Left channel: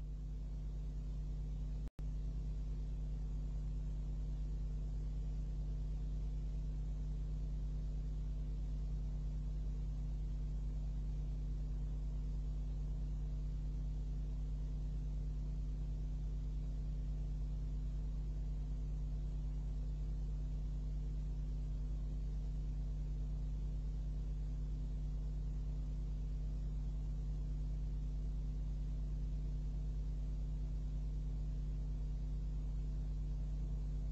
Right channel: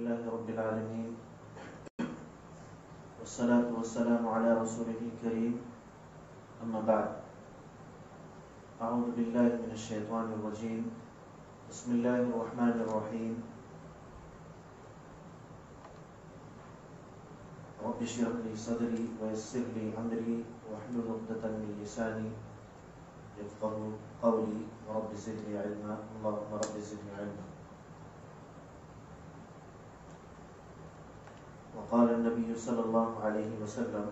لله رب العالمين والصلاة والسلام على رسوله الكريم أما بعد أعوذ بالله من الشيطان الرجيم بسم الله الرحمن الرحيم رب اشرح لي صدري ويسر لي أمري واحلل عقدة من لساني يفقهوا قولي رب زدني علما اللهم رب زدني علما. وقال النبي صلى الله عليه وسلم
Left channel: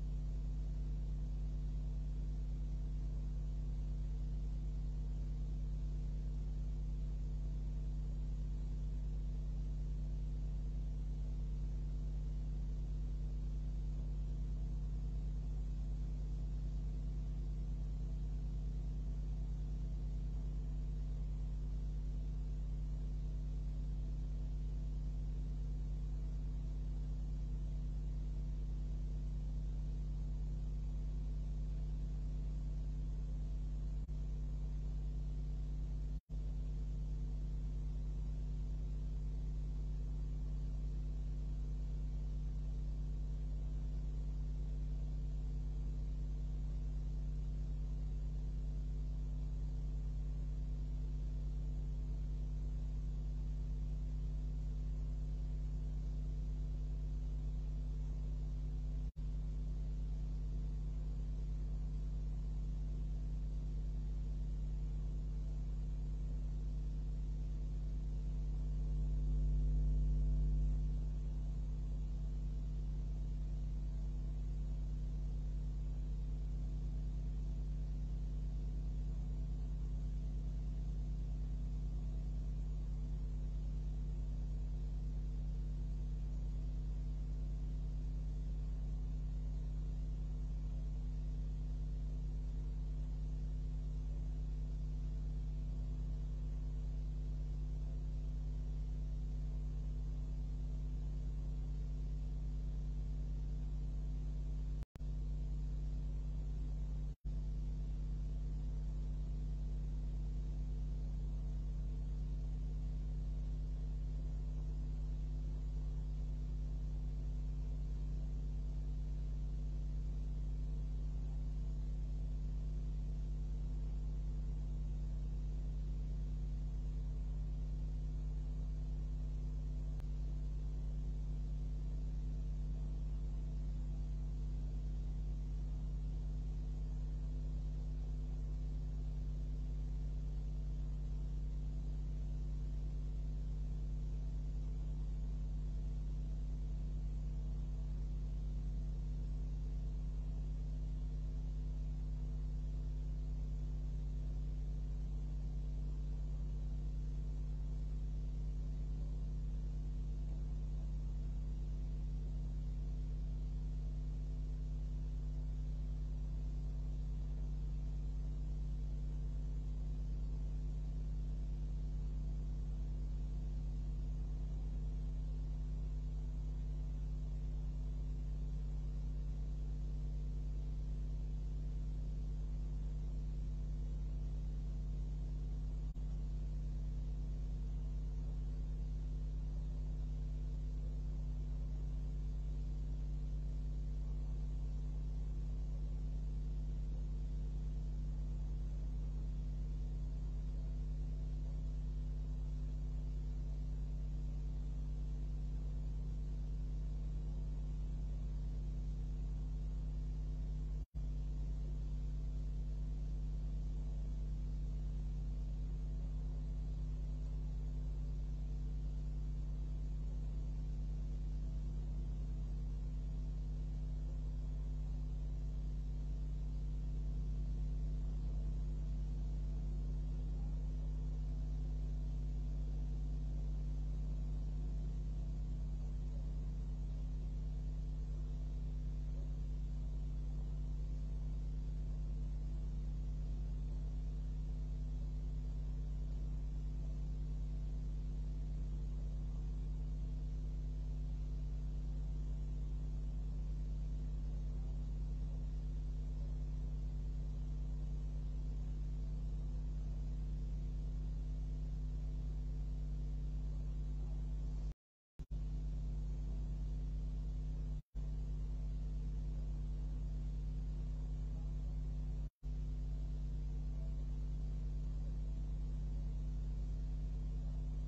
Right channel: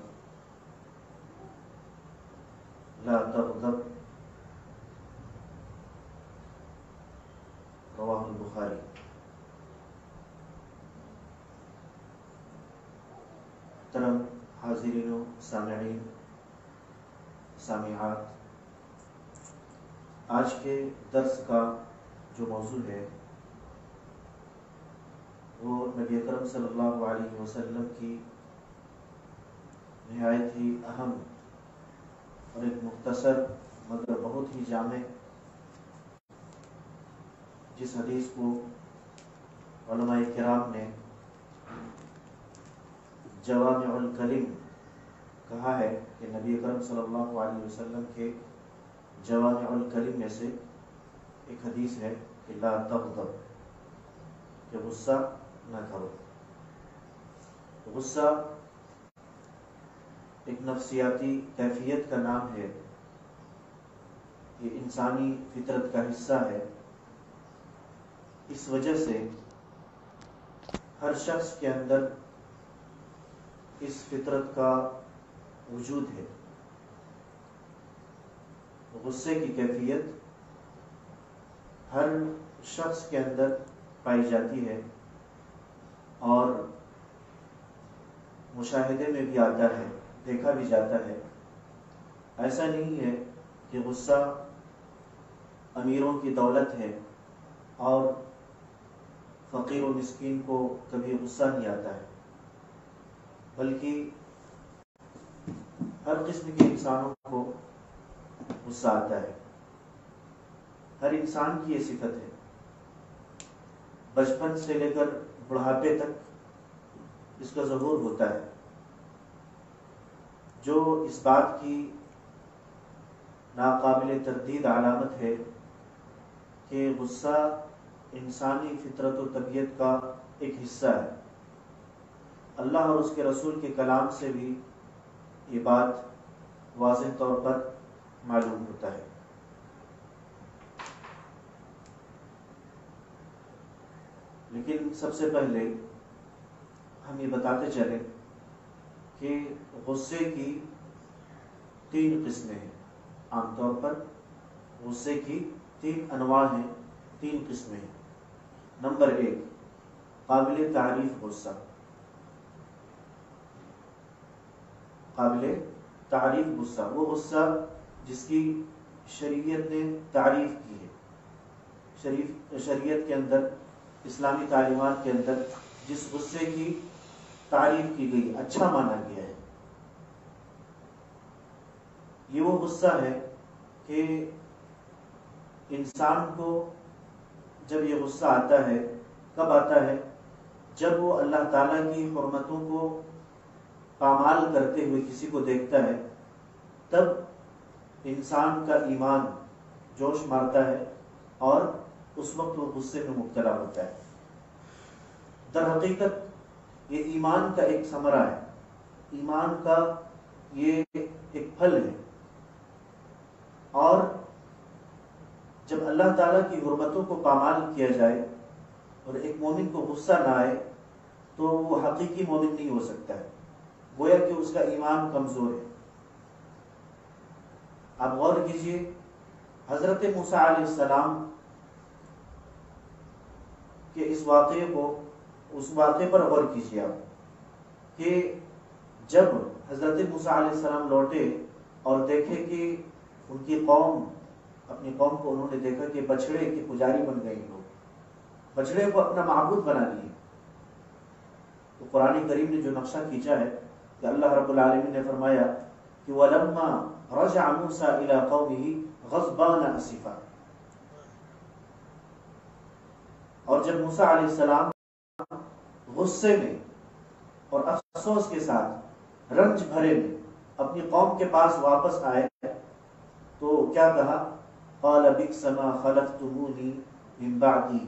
لا تغضب رواه البخاری. محترم حاضرین و سامعین سامعات، آج کے درس کا جو موضوع ہے وہ نبی اکرم صلی اللہ علیہ وسلم کی نہایت ہی اہم اور ایک مختصر مگر بہت ہی جامع جس حدیث کو علماء کرام نے جوامع الکلم کہا ہے کہ نبی اکرم صلی اللہ علیہ وسلم کے جوامع الکلم میں سے ایک حدیث ہے کہ لا تغضب، کہ غصہ نہ کرو. غصہ ایک نفسیاتی کیفیت کا نام ہے، یہ انسانی فطرت کا حصہ ہے. اس وجہ سے ہر شخص کے اندر اس فطرت کا وجود ہے. غصے کی کیفیت ہر شخص کے اندر پائی جاتی ہے اور مشاہدے میں بھی آتا ہے، دیکھا بھی جاتا ہے. ایسا نہیں ہے کہ غصہ امیروں کی دولت ہے اور فقیر و مسکین کو کبھی غصہ نہیں آتا ہے، بلکہ ہر قسم کے انسانوں کو غصہ آتا ہے. ہر انسان کی یہ صفت ہے، بچپن سے لے کر بڑھاپے تک اس کا ظہور ہوتا ہے. جو اس بات کی ناقابل تردید علامت ہے کہ غصہ انسانی فطرت و طبیعت کا ایک حصہ ہے. اللہ اور اس کے رسول کے کلام سے بھی یہ بات واضح طور پر معلوم ہوتا ہے. لیکن سب سے پہلے ہم یہ بتاتے چلیں کہ غصے کی 3 قسمیں ہیں. عام طور پر غصے کی 3 انواع ہیں، 3 قسمیں ہیں. نمبر 1، قابل تعریف غصہ. قابل تعریف غصہ وہ غصہ جس کی شریعت نے تعریف کی ہے. شریعت کے اندر، اسلامی تعلیمات کے اندر جس غصے کی تعریف کی گئی، اچھا مانا گیا ہے، یہ وہ غصہ ہے کہ انسان کو جب یہ غصہ آتا ہے، کب آتا ہے؟ جب وہ اللہ تعالیٰ کی حرمتوں کو پامال کرتے ہوئے کسی کو دیکھتا ہے، تب انسان کا ایمان جوش مارتا ہے اور اس وقت وہ غصے میں مبتلا ہوتا ہے. در حقیقت یہ ایمان کا ایک ثمرہ ہے، ایمان کا یہ ایک پھل ہے. اور جب اللہ تعالیٰ کی حرمتوں کو پامال کیا جائے اور ایک مومن کو غصہ نہ آئے تو وہ حقیقی مومن نہیں ہو سکتا ہے، گویا کہ اس کا ایمان کمزور ہے. آپ غور کیجئے، حضرت موسیٰ علیہ السلام کے اس واقعے پر غور کیجئے آپ کہ جب حضرت موسیٰ علیہ السلام لوٹے اور دیکھے کہ ان کی قوم، اپنی قوم کو انہوں نے دیکھا کہ بچڑے کے پجاری بن گئے، لوگ بچڑے کو اپنا معبود بنا لیے. تو قرآن کریم نے جو نقشہ کھینچا ہے کہ اللہ رب العالمین نے فرمایا کہ وَلَمَّا رَجَعَ مُوسَىٰ إِلَىٰ قَوْمِهِ غَضْبَانَ أَسِفًا. اور جب موسیٰ علیہ السلام غصے میں اور افسوس کے ساتھ رنج بھرے میں اپنی قوم کے پاس واپس آئے تو کیا کہا؟ قال بئس ما خلفتمونی من بعدی،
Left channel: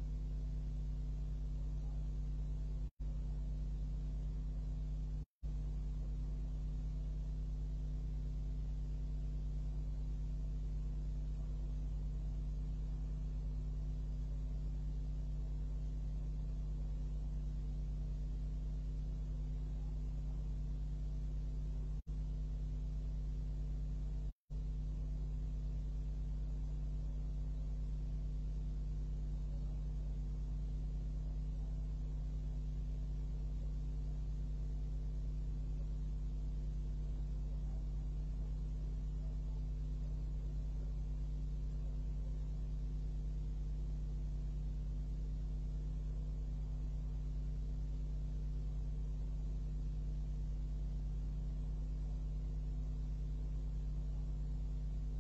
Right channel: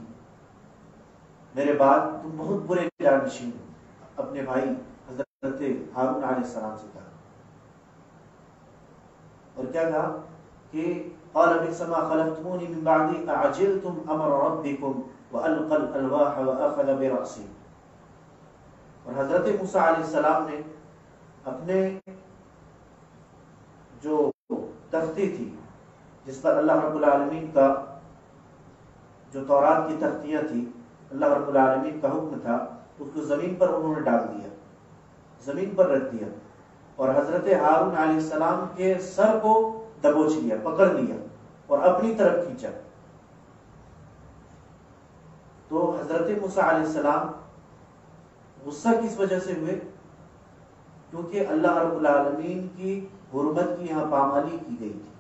میرے بعد تم بہت برے جانشین ہو، اپنے بھائی حضرت ہارون علیہ السلام سے کہا۔ اور کیا کہا کہ قال بئس ما خلفتمونی من بعدی اعجلتم امر ربکم والقى الالواح واخذ برأسی۔ اور حضرت موسیٰ علیہ السلام نے اپنے جو تختی تھی جس پر اللہ رب العالمین کا جو تورات کی تختیاں تھی، اللہ رب العالمین کا حکم تھا، اس کو زمین پر انہوں نے ڈال دیا، زمین پر رکھ دیا، اور حضرت ہارون علیہ السلام کے سر کو دبوچ لیا، پکڑ لیا اور اپنی طرف کھینچا۔ تو حضرت موسیٰ علیہ السلام غصہ کس وجہ سے ہوئے؟ کیونکہ اللہ رب العالمین کی حرمت کی یہاں پامالی کی گئی تھی،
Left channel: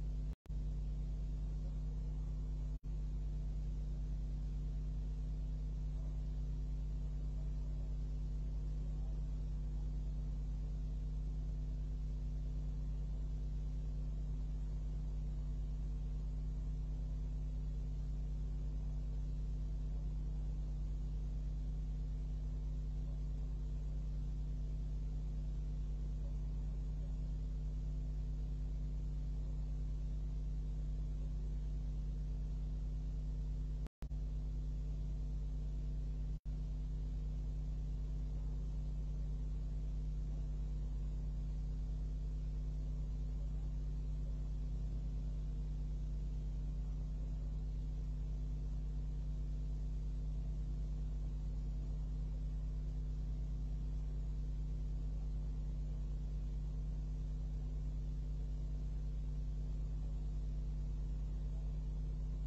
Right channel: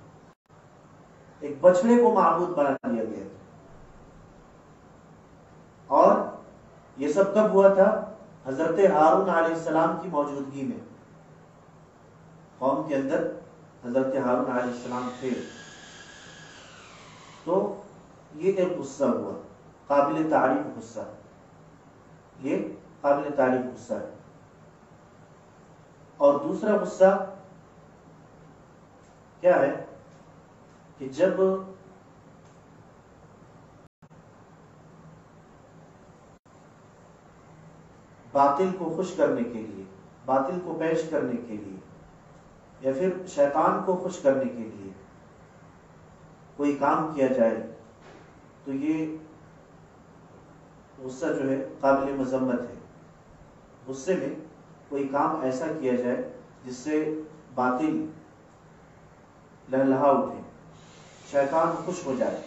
ایک بچڑے کو معبود بنا دیا گیا تھا۔ اور یہ سب کب ہوا تھا؟ حضرت ہارون علیہ السلام کی موجودگی میں، قوم کے اندر حضرت ہارون علیہ السلام تھے، تو یہ ایک غصہ ہوا، قابل تعریف غصہ، یہ قابل تعریف غصہ ہے۔ اور دوسرا غصہ کیا ہے کہ جب باطل کو خوش کرنے کے لیے، باطل کو پیش کرنے کے لیے، یا پھر شیطان کو خوش کرنے کے لیے کوئی کام کیا جائے تو یہ غصہ جو ہے قابل مذمت ہے۔ غصے میں کوئی کام ایسا کیا جائے جس سے باطل لہلہا اٹھے، شیطان خوش ہو جائے،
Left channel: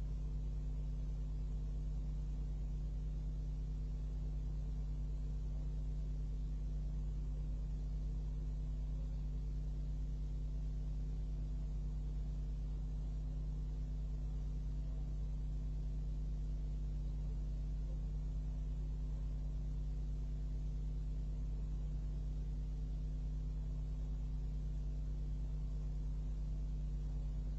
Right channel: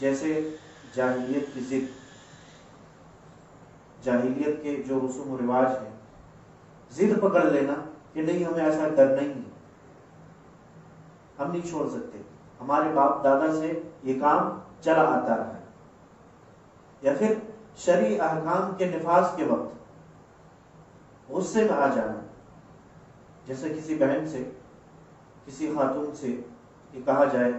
جیسے جاہلیت کی ضد، جاہلیت کے جو رسوم و رواج ہیں، ضد پکڑ لینا کہ نہیں ہمیں ایسا کرنا ہی نہیں، ہم نہیں چھوڑ سکتے، ہمارے باپ دادا سے یہ کام چلا آتا رہا ہے۔ یا پھر شرعی احکام کے نفاذ کے وقت غصے میں آ جانا، جیسے کسی بہن سے، کسی خاتون سے یہ کہا جائے،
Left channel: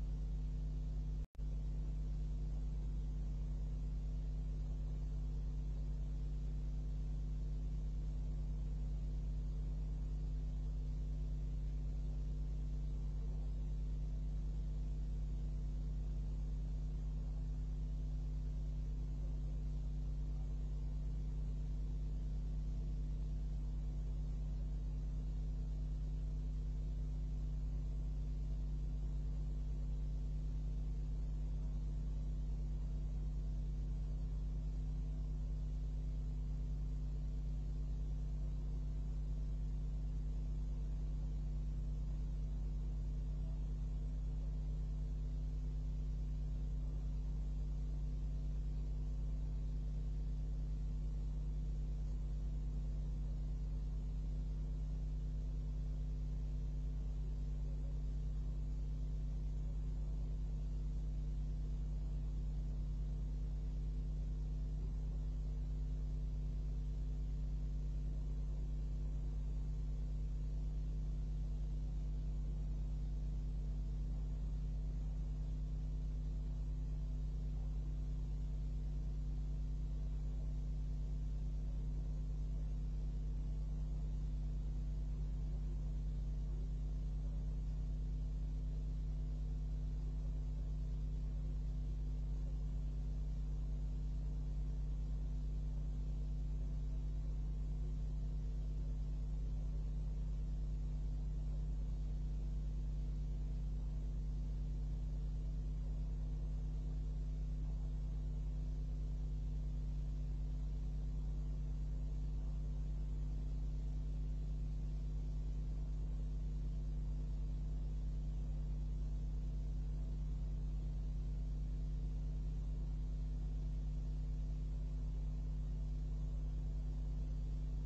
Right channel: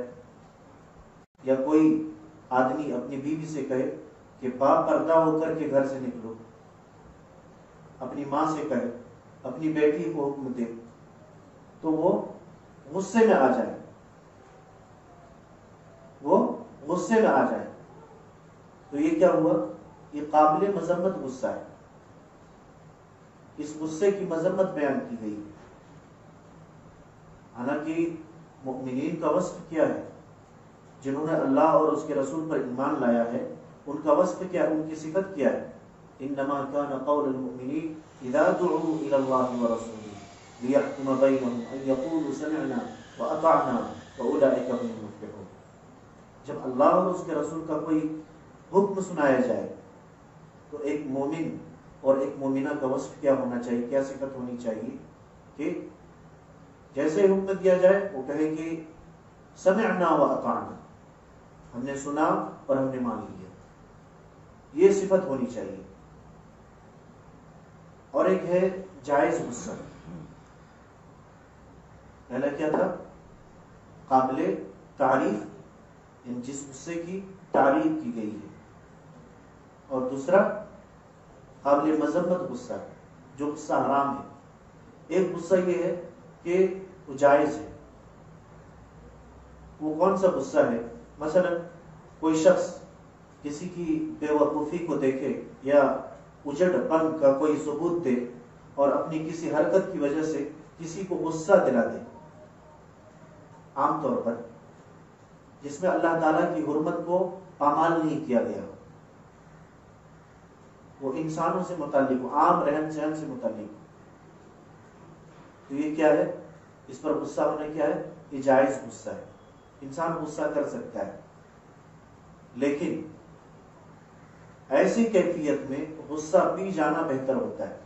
یا کوئی آدمی اپنی بیوی سے کہے کہ با پردہ ہو کر کے گھر سے نکلو، اپنی ماں سے کہے، اپنی بیٹی کو حکم دے، تو وہ غصے میں آ جائے، وہ غصے میں آ جائے، تو یہ کیا ہوا؟ یہ قابل مذمت غصہ ہے۔ اس غصے کی مذمت بیان کی گئی، حالانکہ مؤمنین کا وصف کیا ہے؟ جنہوں نے اللہ اور اس کے رسول پر ایمان لایا ہے، ان کا وصف کیا ہے؟ ان کی صفت کیا ہے؟ انما كان قول المؤمنین اذا دعوا الى الله ورسوله ليحكم بينهم ان يقولوا سمعنا واطعنا واولئك هم المفلحون۔ جب اللہ اور اس کے رسول کا کوئی حکم سنایا جائے تو ایک مومن اور ایک مومنہ کا وصف کیا ہونا چاہیے، کیا صفت ہونی چاہیے؟ کہ جیسے حکم دیا جائے وہ کہے کہ سمعنا واطعنا، ہم نے سنا اور ہم نے مان لیا، یہ صفت ہونی چاہیے۔ اور ایک ہے جائز غصہ، پہلا کیا تھا؟ قابل تعریف، جس غصے کی تعریف کی گئی ہے، اور دوسرا قابل مذمت غصہ، جو غصہ حرام ہے۔ ایک غصہ یہ ہے کہ وہ جائز ہے۔ وہ کون سا غصہ ہے؟ مثلا کوئی شخص کسی کی بے وقوفی کو دیکھے یا اجڑ پن کا کوئی ثبوت دے اور اپنی کسی حرکت کی وجہ سے کسی کو غصہ دلا دے، عام طور پر جس میں اللہ تعالیٰ کی حرمت کو پامال نہیں کیا گیا، وہ انسانوں سے متعلق، عام رہن سہن سے متعلق، تو یہ کیا ہے؟ اس پر غصہ ہونا کیا ہے؟ یہ جائز غصہ ہے، انسان غصہ کر سکتا ہے، لیکن ایسی کیفیت میں غصہ پی جانا بہتر ہوتا ہے،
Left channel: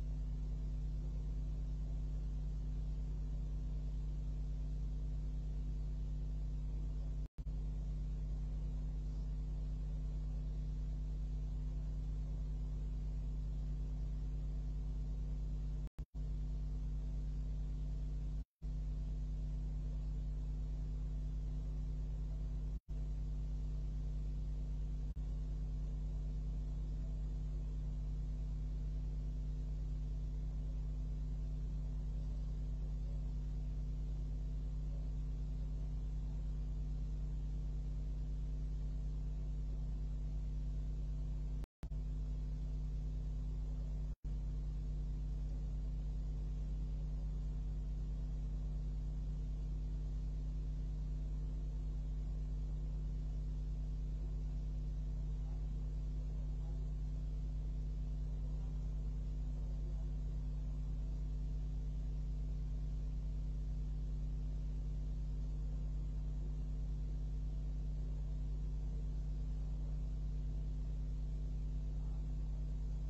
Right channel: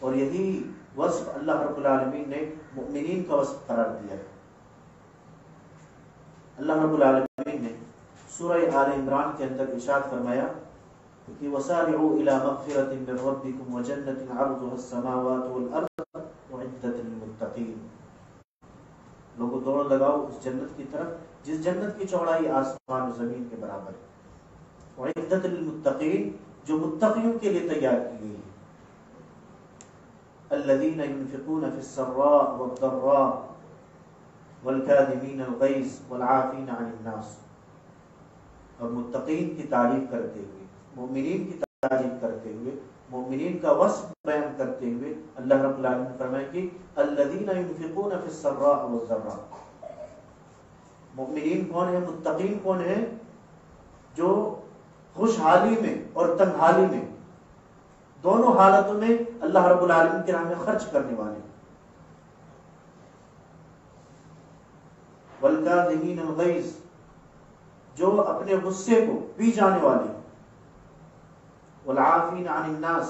اور یہی وصف اللہ رب العالمین نے مؤمنین کا وصف قرار دیا ہے۔ اللہ رب العالمین نے سورہ آل عمران کے اندر ارشاد فرمایا کہ وسارعوا الى مغفرة من ربكم وجنة عرضها السماوات والارض اعدت للمتقین، لوگوں دوڑ لگاؤ اس جنت کی طرف جس جنت کی چوڑائی آسمان و زمین کے برابر ہے، اعدت للمتقین جو متقیوں کے لیے تیار کی گئی ہے، الذين ينفقون في السراء والضراء والكاظمين الغيظ والعافين عن الناس، اور متقین کی تعریف کرتے ہوئے، مومنین کی تعریف کرتے ہوئے، مومنین کا وصف بیان کرتے ہوئے اللہ رب العالمین نے فرمایا کہ الذين ينفقون في السراء والضراء، مومنین کون ہیں، متقین کون ہیں؟ جو خوشحالی میں اور تنگحالی میں دونوں حالتوں میں اللہ رب العالمین کی راہ میں خرچ کرنے والے، والکاظمین الغیظ جو اپنے غصے کو پی جانے والے، والعافین عن الناس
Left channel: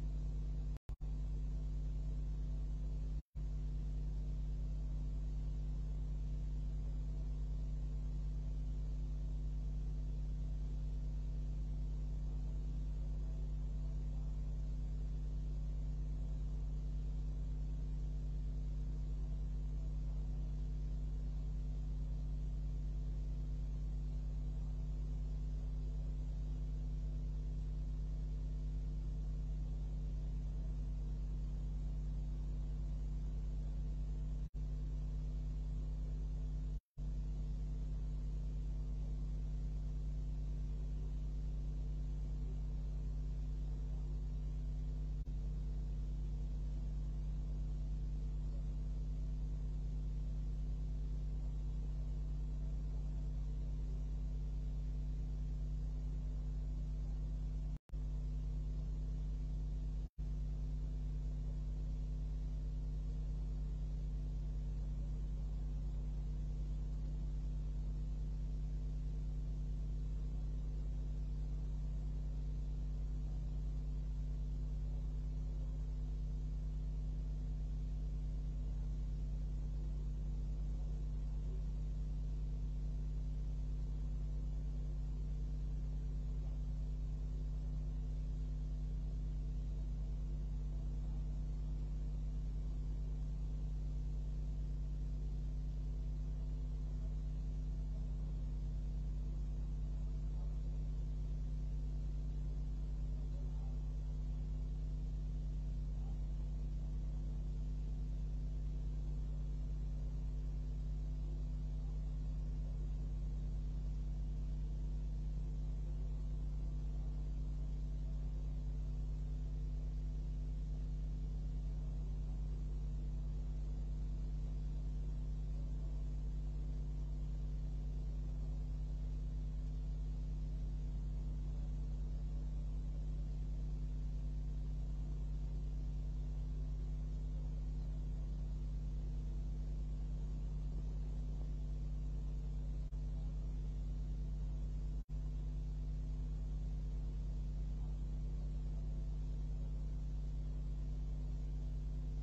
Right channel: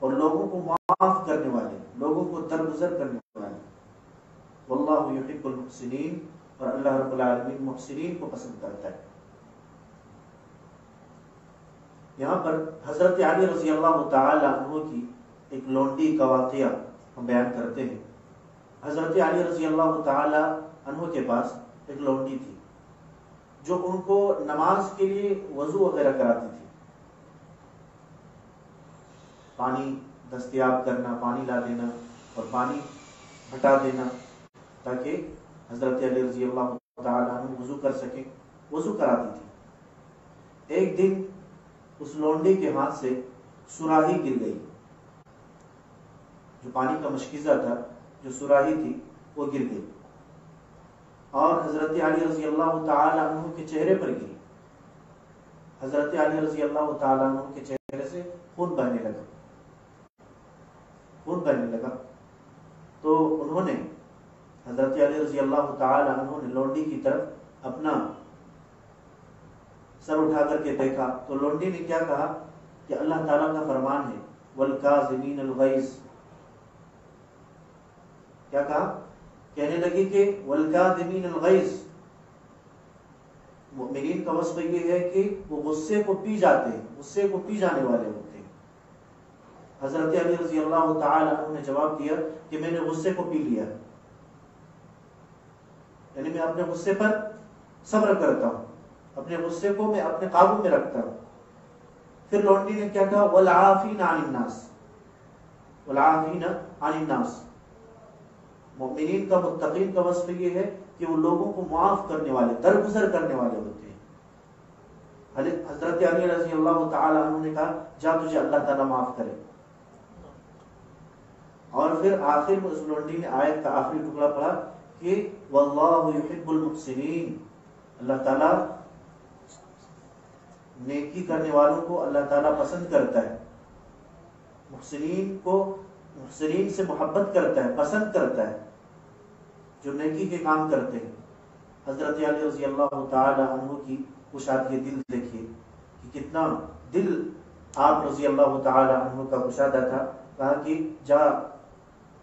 اور لوگوں کو معاف کرنے والے، لوگوں کو درگزر کرنے والے، واللہ یحب المحسنین اور اللہ رب العالمین محسنین کو پسند کرتا ہے۔ یہاں پر حضرت علی رضی اللہ تعالی عنہ کی ایک لونڈی کا واقعہ ہم بیان کرتے ہیں۔ حضرت علی رضی اللہ تعالی عنہ کے پاس ایک لونڈی تھی جو ان کو نماز کے لیے وضو وغیرہ کراتی تھی، پانی دستیاب کرنا، پانی لا دینا اور پانی ہٹا دینا تاکہ حضرت علی رضی اللہ تعالی عنہ وضو کر سکیں، وضو کراتی تھی۔ ایک دن اس لونڈی کے ہاتھ سے سراہی گر گئی، جو پانی کا مشکیزہ تھا، جو سراہی تھی وہ گر گئی اور حضرت علی رضی اللہ تعالی عنہ کے چہرے پر گری۔ حضرت علی رضی اللہ تعالی عنہ کے چہرے سے خون بہنے لگا، خون بہنے لگا تو انہوں نے حضرت علی رضی اللہ تعالی عنہ نے لونڈی کی طرف اپنا سر اٹھا کر کے دیکھا تو لونڈی نے کیا کہا کہ اللہ تعالیٰ کا فرمان ہے والکاظمین الغیظ، کیا کہا؟ کہنے لگی کہ والکاظمین الغیظ، مؤمنین کا وصف یہ ہے کہ وہ غصے کو پی جاتے ہیں، غصے کو پی جانے والے ہوتے ہیں۔ حضرت علی رضی اللہ تعالی عنہ نے جواب دیا کہ میں نے غصے کو پی لیا، یعنی میں اپنے غصے پر صبر کرتا ہوں، اپنے غصے کو میں اپنے قابو میں رکھتا ہوں۔ پھر لونڈی نے کیا کہا والعافین عن الناس، والعافین عن الناس، مومنین کا متقین کا وصف یہ ہے کہ وہ لوگوں کو معاف کرنے والے، درگزر کرنے والے ہوتے ہیں۔ حضرت علی رضی اللہ تعالی عنہ نے کہا جا تجھے اللہ تعالیٰ معاف کرے، اور پھر آخر میں اس لونڈی نے آیت کا آخری ٹکڑا پڑھا کہ واللہ یحب المحسنین، اللہ تعالیٰ نیکی کرنے والوں کو اللہ تعالیٰ پسند کرتا ہے، محسنین کو، محسنین سے محبت کرتا ہے، پسند کرتا ہے، جو نیکی کے کام کرتے ہیں۔ حضرت علی رضی اللہ تعالی عنہ کی کشادگی دل دیکھیے کہ کتنا دل آپ رضی اللہ تعالی عنہ کا کشادہ تھا۔ کہا کہ جا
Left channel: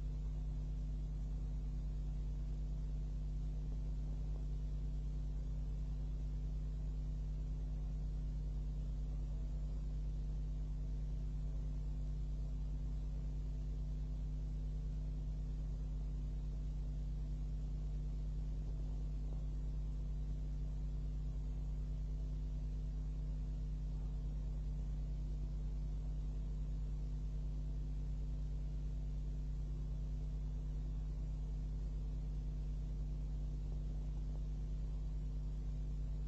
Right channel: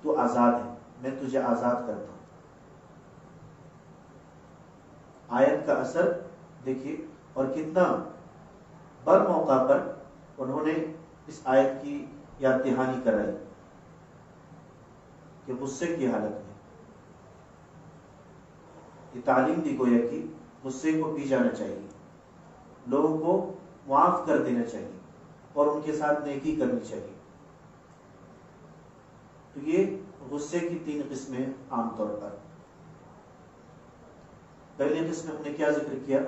تو آزاد ہے، میں تجھے آزاد کرتا ہوں۔ آیت کا اثر دیکھیے، اور کتنا بر موقع پر انہوں نے اس آیت کی یاد دہانی کرائی کہ غصے کی حالت میں یہ تعلیم دی گویا کہ غصے کو پی جانا چاہیے، لوگوں کو معاف کر دینا چاہیے اور ان کے ساتھ نیکی کرنی چاہیے۔ تو یہ غصے کی 3 قسمیں عام طور پر۔ پہلی قسم ہم نے کیا ذکر کیا؟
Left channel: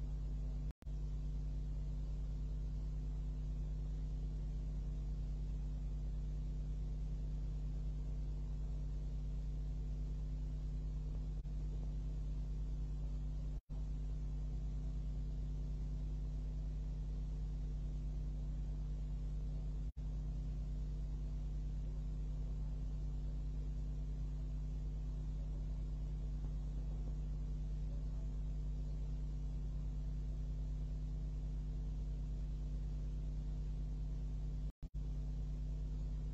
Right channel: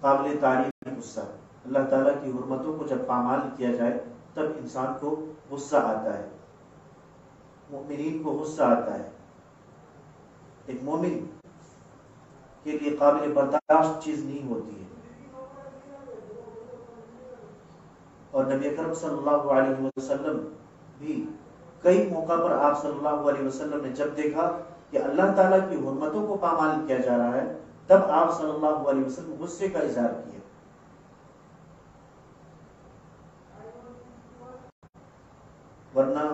قابل تعریف غصہ، اللہ تعالیٰ کی حرمتوں کو جب پامال کیا جائے تب انسان کو غصہ آتا ہے، مومنین کو غصہ آتا ہے۔ ایک مومن کے لیے قابل برداشت چیز نہیں ہوتی ہے، اور نبی اکرم صلی اللہ علیہ وسلم بھی کئی موقع پر آپ صلی اللہ علیہ وسلم نے جب دیکھا کہ اللہ تعالیٰ کی حرمتوں کو پامال کیا جا رہا ہے تب آپ صلی اللہ علیہ وسلم غصے کا اظہار کیا۔ ورنہ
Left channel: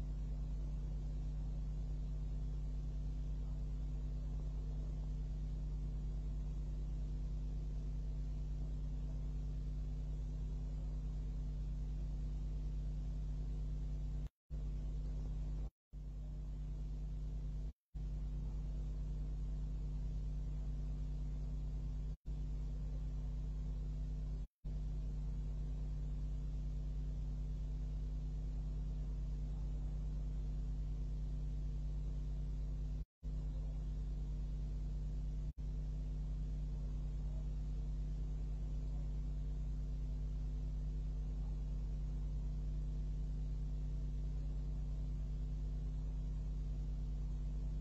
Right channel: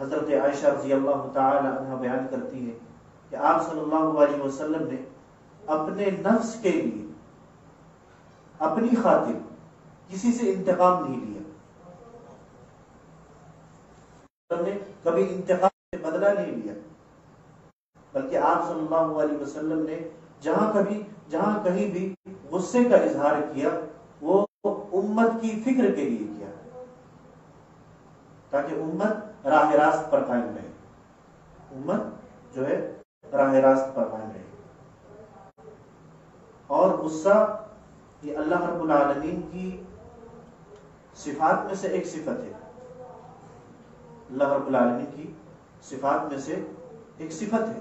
حضرت عائشہ رضی اللہ تعالی عنہ بیان کرتی ہے کہ آپ صلی اللہ علیہ وسلم نے اپنے نفس کے لیے، اپنی خاطر کسی سے انتقام نہیں لیا، نے کبھی انتقام سے بدلہ نہیں لیا، بلکہ آپ صلی اللہ علیہ وسلم نے جہاں کہیں بھی غصے کا اظہار کیا وہ امت کی فکر کے لیے کیا، تاکہ امت راہ راست پر قائم رہے، امت جو ہے راہ راست پر قائم رہے۔ اور غصہ یہ اللہ رب العالمین کی صفات میں سے ایک صفت ہے، اللہ رب العالمین کی صفات میں سے ایک صفت ہے۔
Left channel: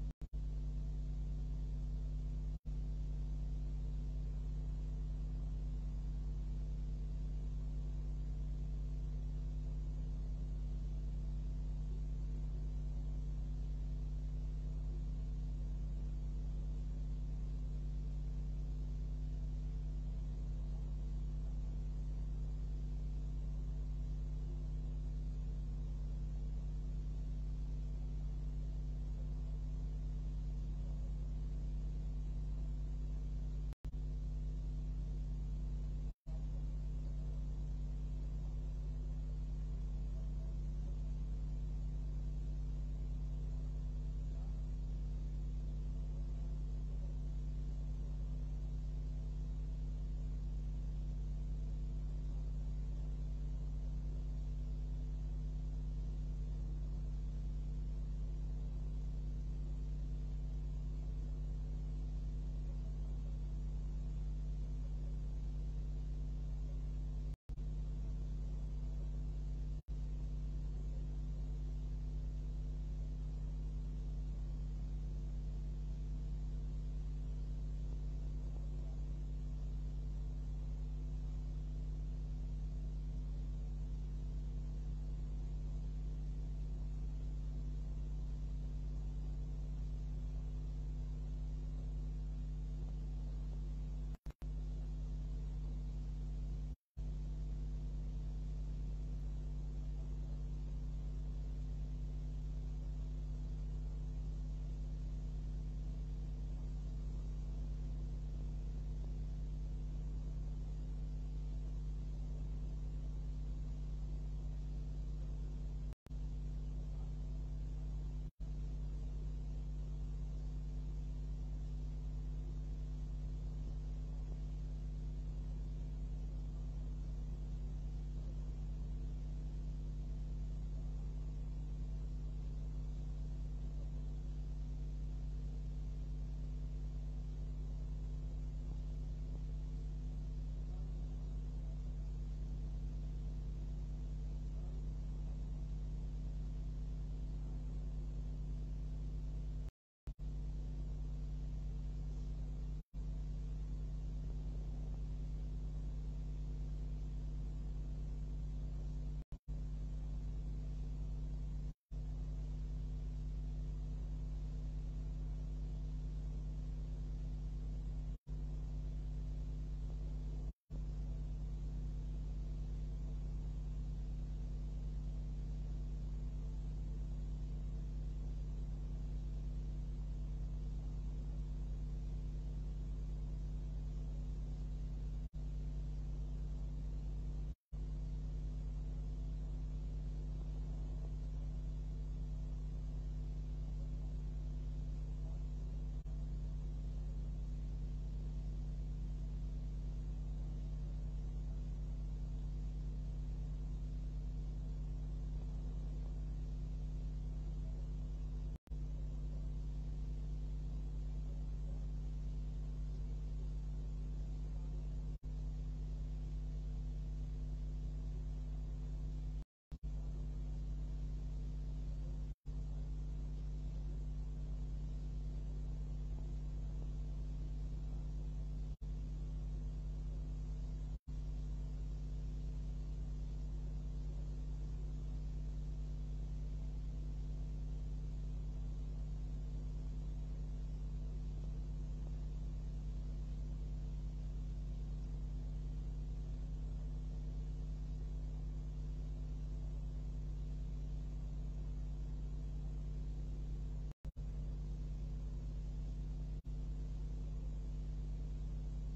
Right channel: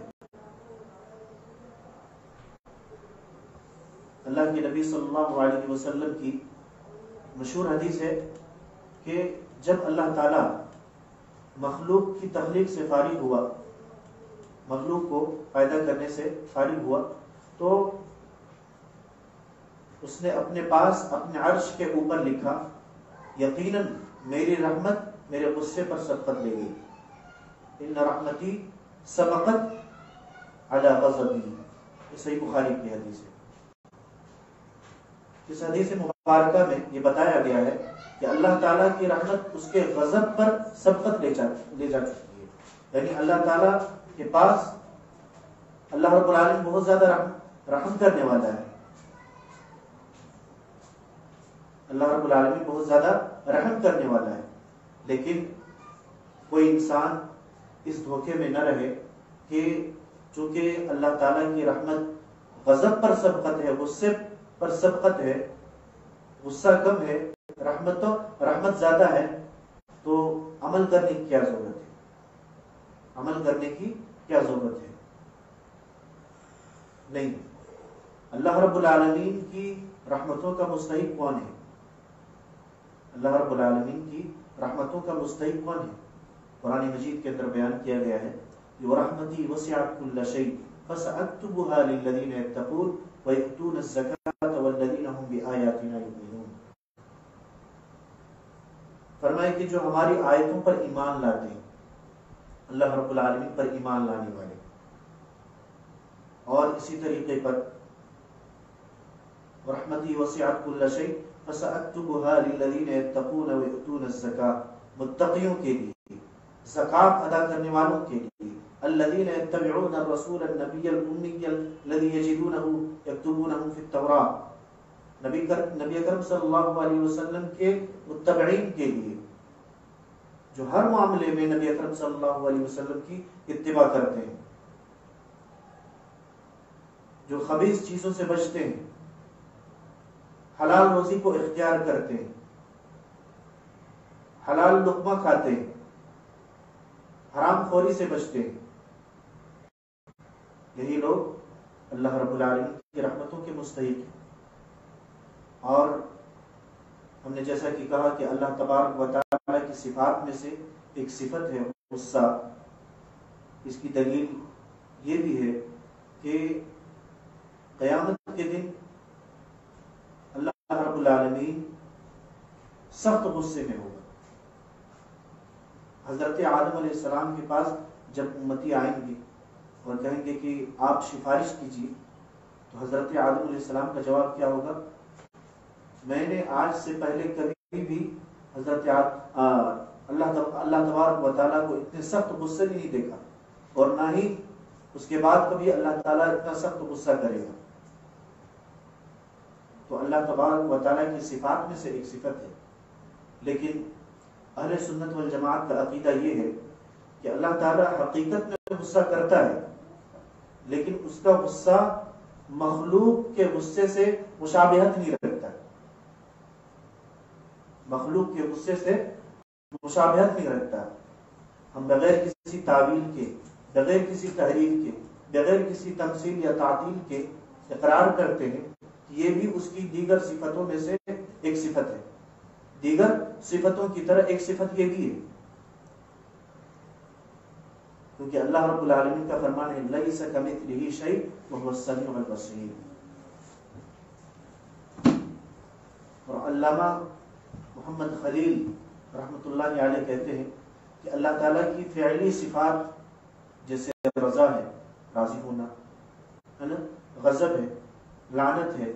اللہ کے نبی صلی اللہ علیہ وسلم کی مشہور حدیث ہے کہ جب اللہ تعالی مخلوق کی تخلیق سے فارغ ہوا، مخلوق کو پیدا کرنے سے فارغ ہوا، تو اس نے اپنے پاس اپنے عرش کے اوپر لکھا، یقیناً میری رحمت میرے غصے پر سبقت لے گئی، ان رحمتی سبقت علی غضبی، یہ صحیح بخاری کی حدیث ہے۔ اس حدیث مبارکہ میں یہ بتایا گیا ہے کہ اللہ تعالیٰ کی رحمت اس کے غضب پر سبقت لے جا چکی ہے، یعنی اللہ تعالیٰ کے پاس اللہ رب العالمین بہت زیادہ رحم کرنے والا ہے، اللہ رب العالمین بہت زیادہ رحم کرنے والا ہے، لیکن کوئی انسان اس دھوکے میں نہ رہے کہ چونکہ اللہ تعالیٰ کی رحمت غضب پر سبقت ہے، غصے پر سبقت ہے، غصہ کم ہے، رحمت زیادہ ہے، تو عمل کرنے کی کیا ضرورت ہے، عمل کرنے کی کیا ضرورت ہے؟ نہیں، اللہ رب العالمین کی رحمتوں کا مستحق کون ہے؟ اللہ رب العالمین کی رحمتوں کا مستحق کون ہے؟ قرآن مجید کے اندر بیان کیا گیا ہے، وَرَحْمَتِي وَسِعَتْ كُلَّ شَيْءٍ فَسَأَكْتُبُهَا لِلَّذِينَ يَتَّقُونَ وَيُؤْتُونَ الزَّكَاةَ وَالَّذِينَ هُمْ بِآيَاتِنَا يُؤْمِنُونَ۔ فرمائے کہ جو ہماری آیتوں پر ایمان لاتے ہیں، اللہ رب العالمین پر ایمان لانے والے، اور اسی طریقے پر رحمتی وسعت کل شیء فسأکتبها للذین یتقون ویؤتون الزکاة، متقیوں کے لیے، زکات ادا کرنے والوں کے لیے، الذین یتبعون الرسول النبی الامی الذی یجدونہ یکتبونہ فی التوراۃ، نبی اکرم صلی اللہ علیہ وسلم کے متبعین کے لیے جو ہر معاملے میں نبی اکرم صلی اللہ علیہ وسلم کی اتباع کرتے ہیں، جو خبیث چیزوں سے بچتے ہیں، حلال روزی کو اختیار کرتے ہیں، حلال لقمہ کھاتے ہیں، حرام خوری سے بچتے ہیں، یہی لوگ اللہ رب العالمین کی رحمتوں کے مستحق ہیں۔ اور ہم نے جیسا کہ کہا کہ اللہ تبارک و تعالیٰ کی صفات میں سے ایک صفت ہے غصہ۔ اس کی دلیل یہ بھی ہے کہ قیامت کے دن اللہ رب العالمین سخت غصے میں ہوگا۔ حضرت آدم علیہ السلام کے پاس جب امتی آئیں گے اور کہیں گے کہ آپ سفارش کیجیے، تو حضرت آدم علیہ السلام کا جواب کیا ہوگا؟ میں نے آج سے پہلے کبھی بھی حضرت اللہ تبارک و تعالیٰ کو اتنے سخت غصے میں نہیں دیکھا، اور نہ ہی اس کے بعد کبھی اللہ تعالیٰ اتنا سخت غصہ کرے گا۔ تو اللہ تبارک و تعالیٰ کی صفات میں سے ایک صفت ہے، لیکن اہل سنت والجماعت کا عقیدہ یہ ہے کہ اللہ تعالیٰ حقیقت میں غصہ کرتا ہے، لیکن اس کا غصہ مخلوق کے غصے سے مشابہت نہیں رکھتا، مخلوق کے غصے سے مشابہت نہیں رکھتا۔ ہم بغیر کسی تعویل کے، بغیر کسی تحریف کے، بغیر کسی تمثیل یا تعطیل کے اقرار کرتے ہیں کہ یہ بھی اس کی دیگر صفتوں میں سے ایک صفت ہے، دیگر صفتوں کی طرح ایک صفت یہ بھی ہے، کیونکہ اللہ رب العالمین کا فرمان ہے لیس کمثلہ شیء وہو السمیع البصیر۔ اور علامہ محمد خلیل رحمۃ اللہ علیہ کہتے ہیں کہ اللہ تعالیٰ کی فعلی صفات جیسے رضا ہے، راضی ہونا ہے نا، غضب ہے، لعنت ہے،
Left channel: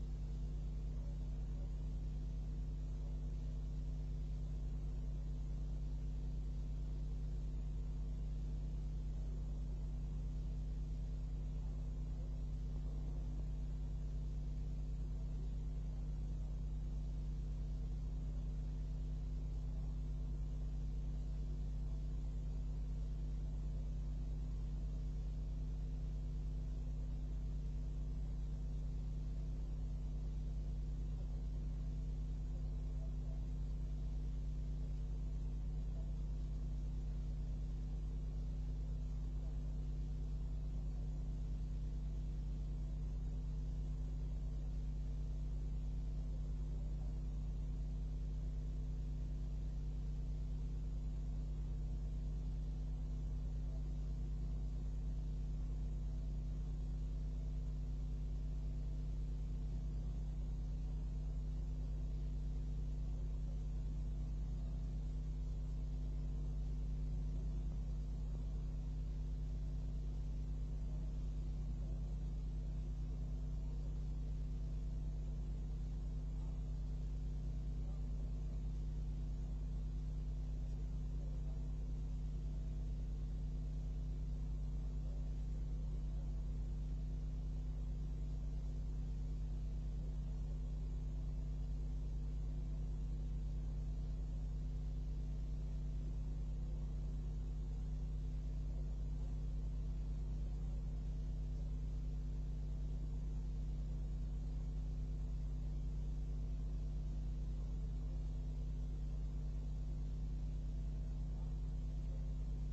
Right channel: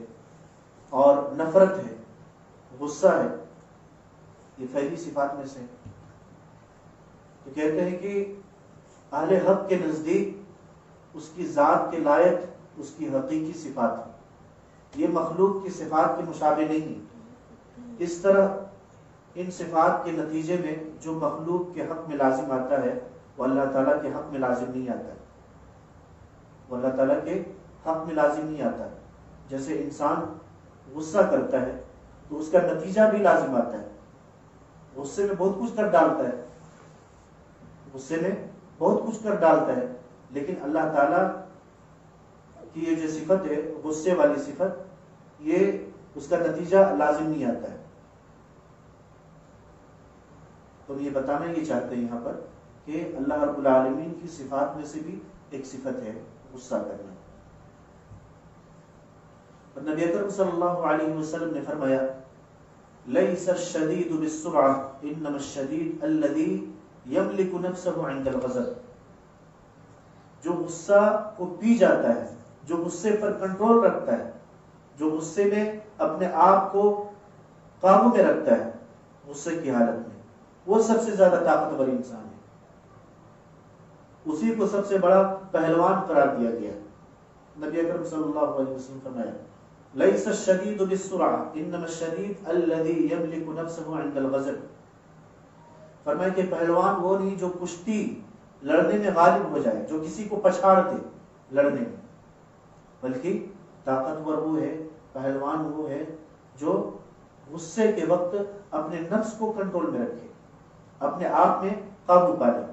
اور نفرت ہے، غصہ ہے، یہ پہلی صفات میں سے ہے۔ تو کہتے ہیں کہ اہل حق کے نزدیک اس کی ذات کے لائق اس کی حقیقی صفات ہے، یہ مخلوق کی صفات کے مشابہ نہیں۔ اس طرح ان صفات کے نتیجے میں جو مخلوق کے حق میں لازم آتا ہے وہ اللہ تعالیٰ کے حق میں لازم نہیں آتا ہے، وہ اللہ تعالیٰ کے حق میں لازم نہیں آتا ہے۔ جیسے انسان غصہ کرتا ہے تو اس کا نتیجہ بھی لازم آتا ہے، غصے میں بہت کچھ کر ڈالتا ہے، غصے میں بہت کچھ کر ڈالتا ہے، لیکن اللہ تعالیٰ کی یہ جو صفت ہے غصے والی صفت، یہ اس کا نتیجہ لازم نہیں آتا ہے۔ تو یہ بتانا یہ چاہتے ہیں یہاں پر کہ اللہ رب العالمین کی صفات میں سے بھی ایک صفت ہے غصہ کرنا۔ اور نبی اکرم صلی اللہ علیہ وسلم نے فرمایا لیس الشدید بالسرعہ انما الشدید الذی یملک نفسہ عند الغضب، جو غصہ کو پی جاتا ہے، جو غصے پر کنٹرول رکھتا ہے، جو غصے میں اپنے آپ کو قابو میں رکھتا ہے غصے کی حالت میں، وہ سب سے زیادہ طاقتور انسان ہے، اسی کو سب سے بڑا پہلوان قرار دیا گیا۔ نبی اکرم صلی اللہ علیہ وسلم فرمایا لیس الشدید بالسرعہ انما الشدید الذی یملک نفسہ عند الغضب، فرمایا کہ پہلوان وہ نہیں جو کشتی لڑنے میں غالب ہو جائے، جو کسی کو پچھاڑ دے لڑنے میں، بلکہ طاقتور وہ ہے، پہلوان وہ ہے جو غصے کے وقت اپنے نفس کو کنٹرول میں رکھے، اپنے آپ میں قابو پا لے۔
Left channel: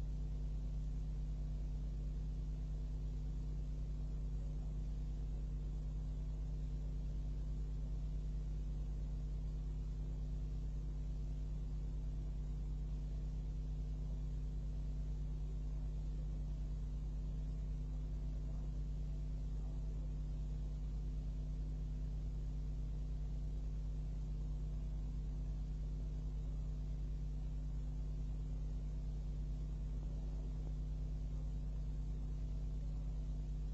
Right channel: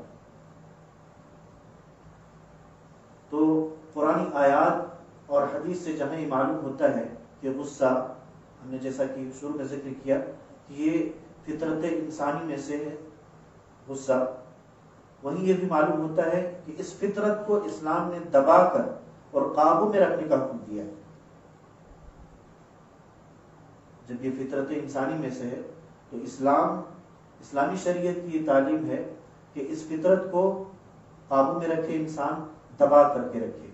تو قرآنی آیات اور حدیث سے جہاں یہ معلوم ہوتا ہے کہ غصہ، ہم نے جیسا کہ شروع میں ذکر کیا کہ یہ فطرت انسانی میں سے ہے غصہ، وہیں یہ بھی معلوم ہوتا ہے کہ اس فطرت کو اسلام نے دبا کر اور قابو میں رکھنے کا حکم دیا ہے۔ جب یہ فطرت انسانی میں سے ہے تو اسلامی شریعت کی یہ تعلیم ہے کہ اس فطرت کو قابو میں رکھے، انسان دبا کر کے رکھے،